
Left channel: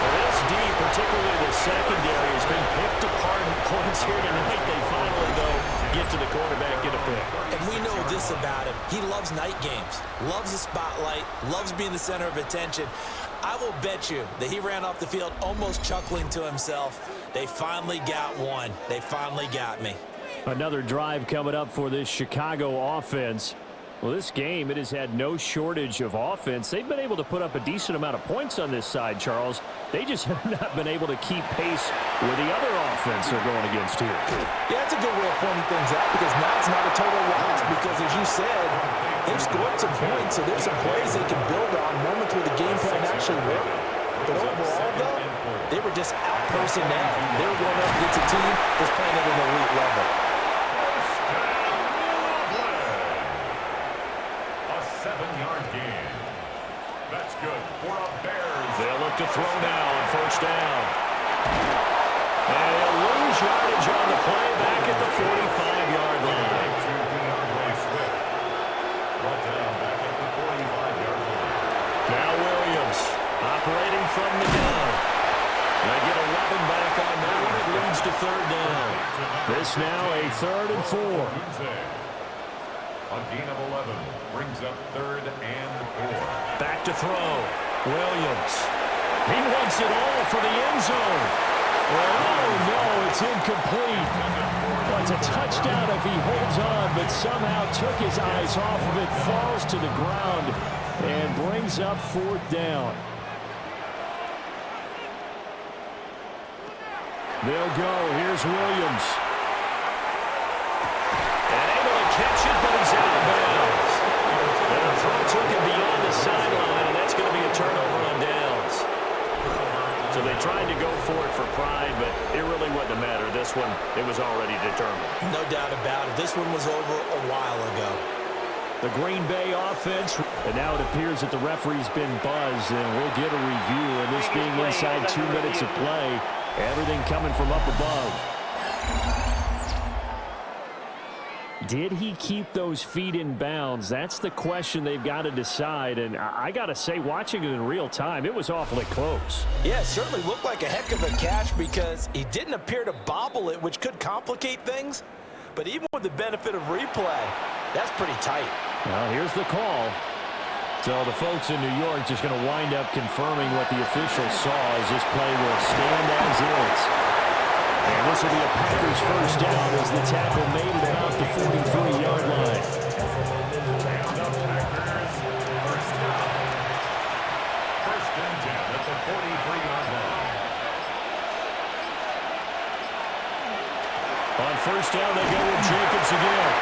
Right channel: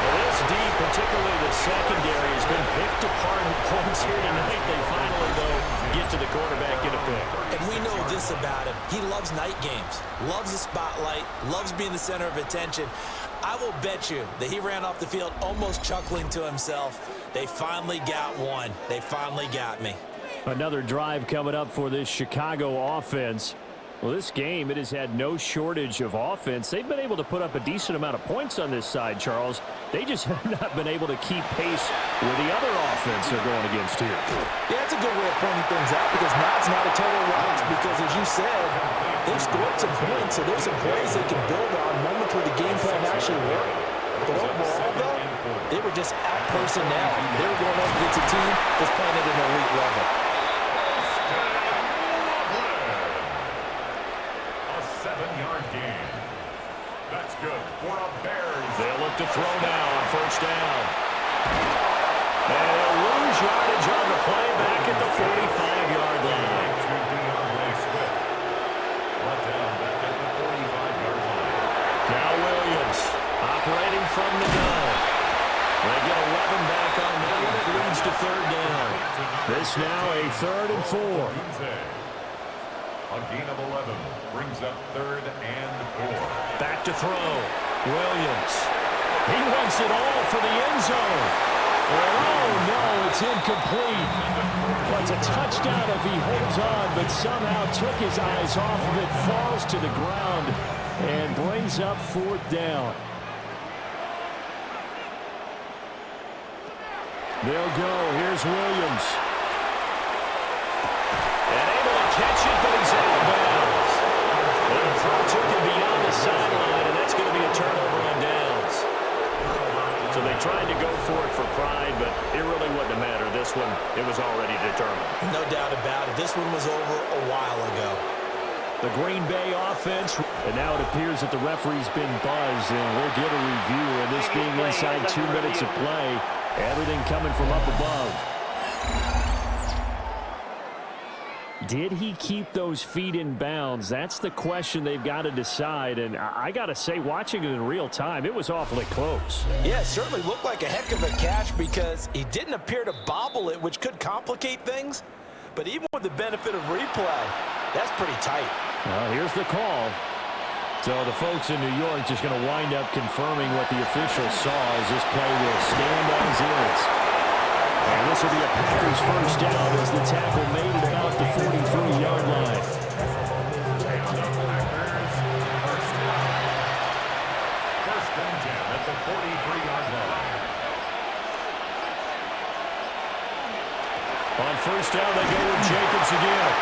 Well, this D, particularly the secondary, has been picked apart in points here tonight. They finally, though, get to the quarterback, get a pick. And we know this about him. He loves night games, loves the spotlight, loves being the center of attention. I will bet you that he ran off the field almost chuckling to himself. They finally got one. They finally got me. Another drive coming up for this Chicago offense. Well, this game, it has had no shortage of offense. They've been able to put up a decent amount of points on this side, Charles. They just have not been able to keep pace with the other offense they're going against here. Yeah, it's a good way of pointing things out because now it's not a total loss because, as you said, they've scored some points, so there's some plays they can build on, moments where the game plan actually worked. But overall, though, they were just out-personnel. They were going up against a team that's playing at an elite level. A 7-yard gain. That's good for a Bears. They'll look to throw now on first down. And they'll lose yardage on the play back at the 45-yard line. Brought down back at the 45-yard line. Now Williams operating from the gun. They get 11 back on that one. It leads to third down. This now a 3rd and 4. A gain of 11 brings up 3rd and 4. Back to throw. Williams. He wants it all for the end zone. And oh no, it's incomplete. Well, it's a touchdown if he holds on, but somehow took his eyes off of it, falls to the ground, and brings up 4th down. They'll go. Here's Williams. And able to catch it, but he's out of bounds. And the throw took him beyond the sideline, and that's going to be a turnover on downs. So they tried to go for it for pride, but it really wouldn't have mattered. This one, it was already determined. No doubt about it. This one was over a while ago. The Green Bay offense, and now it appears that the referee's been buzzed, and we'll get a review. And this being inside 2 minutes of play, everything coming from up above. Did he keep those feet in bounds? That's the question they've got to decide. And I got to say, watching it in real time, it was awfully close. Yeah, it certainly looked like a heck of a catch because he didn't appear to bobble it, which could complicate things. But even with the benefit of replay, that's pretty tight. Well, here's the call. So the folks in New York just going to wind up confirming what the officials saw as this play will stand as is. And this will be a Packers first down as the tackle made it about the 43-yard line. And the Packers first down. 1st and 10 at the 43-yard line. On first down, they go with Jacobs again.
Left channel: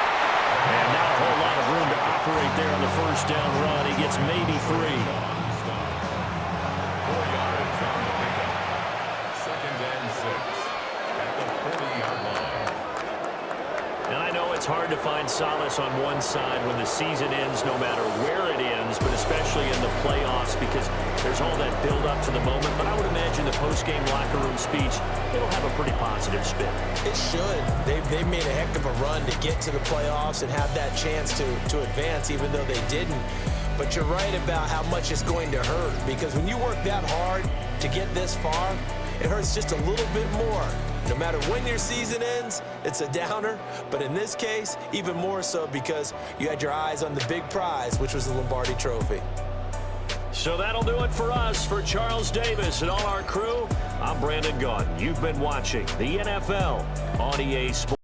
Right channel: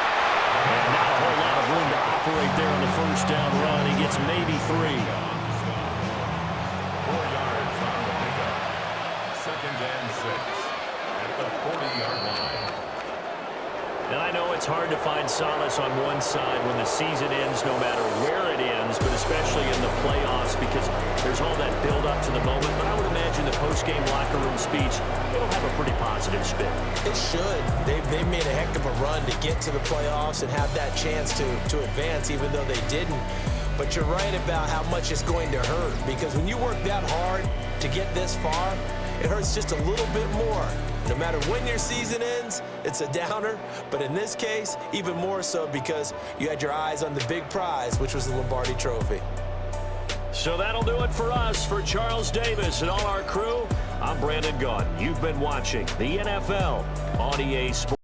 And not a whole lot of room to operate there on the first down run. He gets maybe 3. 4 yards on the pickup. 2nd and 6 at the 40-yard line. And I know it's hard to find solace on one side when the season ends, no matter where it ends, but especially in the playoffs because there's all that build up to the moment. But I would imagine the post-game locker room speech, it'll have a pretty positive spin. It should. They've made a heck of a run to get to the playoffs and have that chance to advance, even though they didn't. But you're right about how much it's going to hurt because when you work that hard to get this far, it hurts just a little bit more. No matter when your season ends, it's a downer. But in this case, even more so because you had your eyes on the big prize, which was the Lombardi Trophy. So that'll do it for us. For Charles Davis and all our crew, I'm Brandon Gaudin. You've been watching the NFL on EA Sports.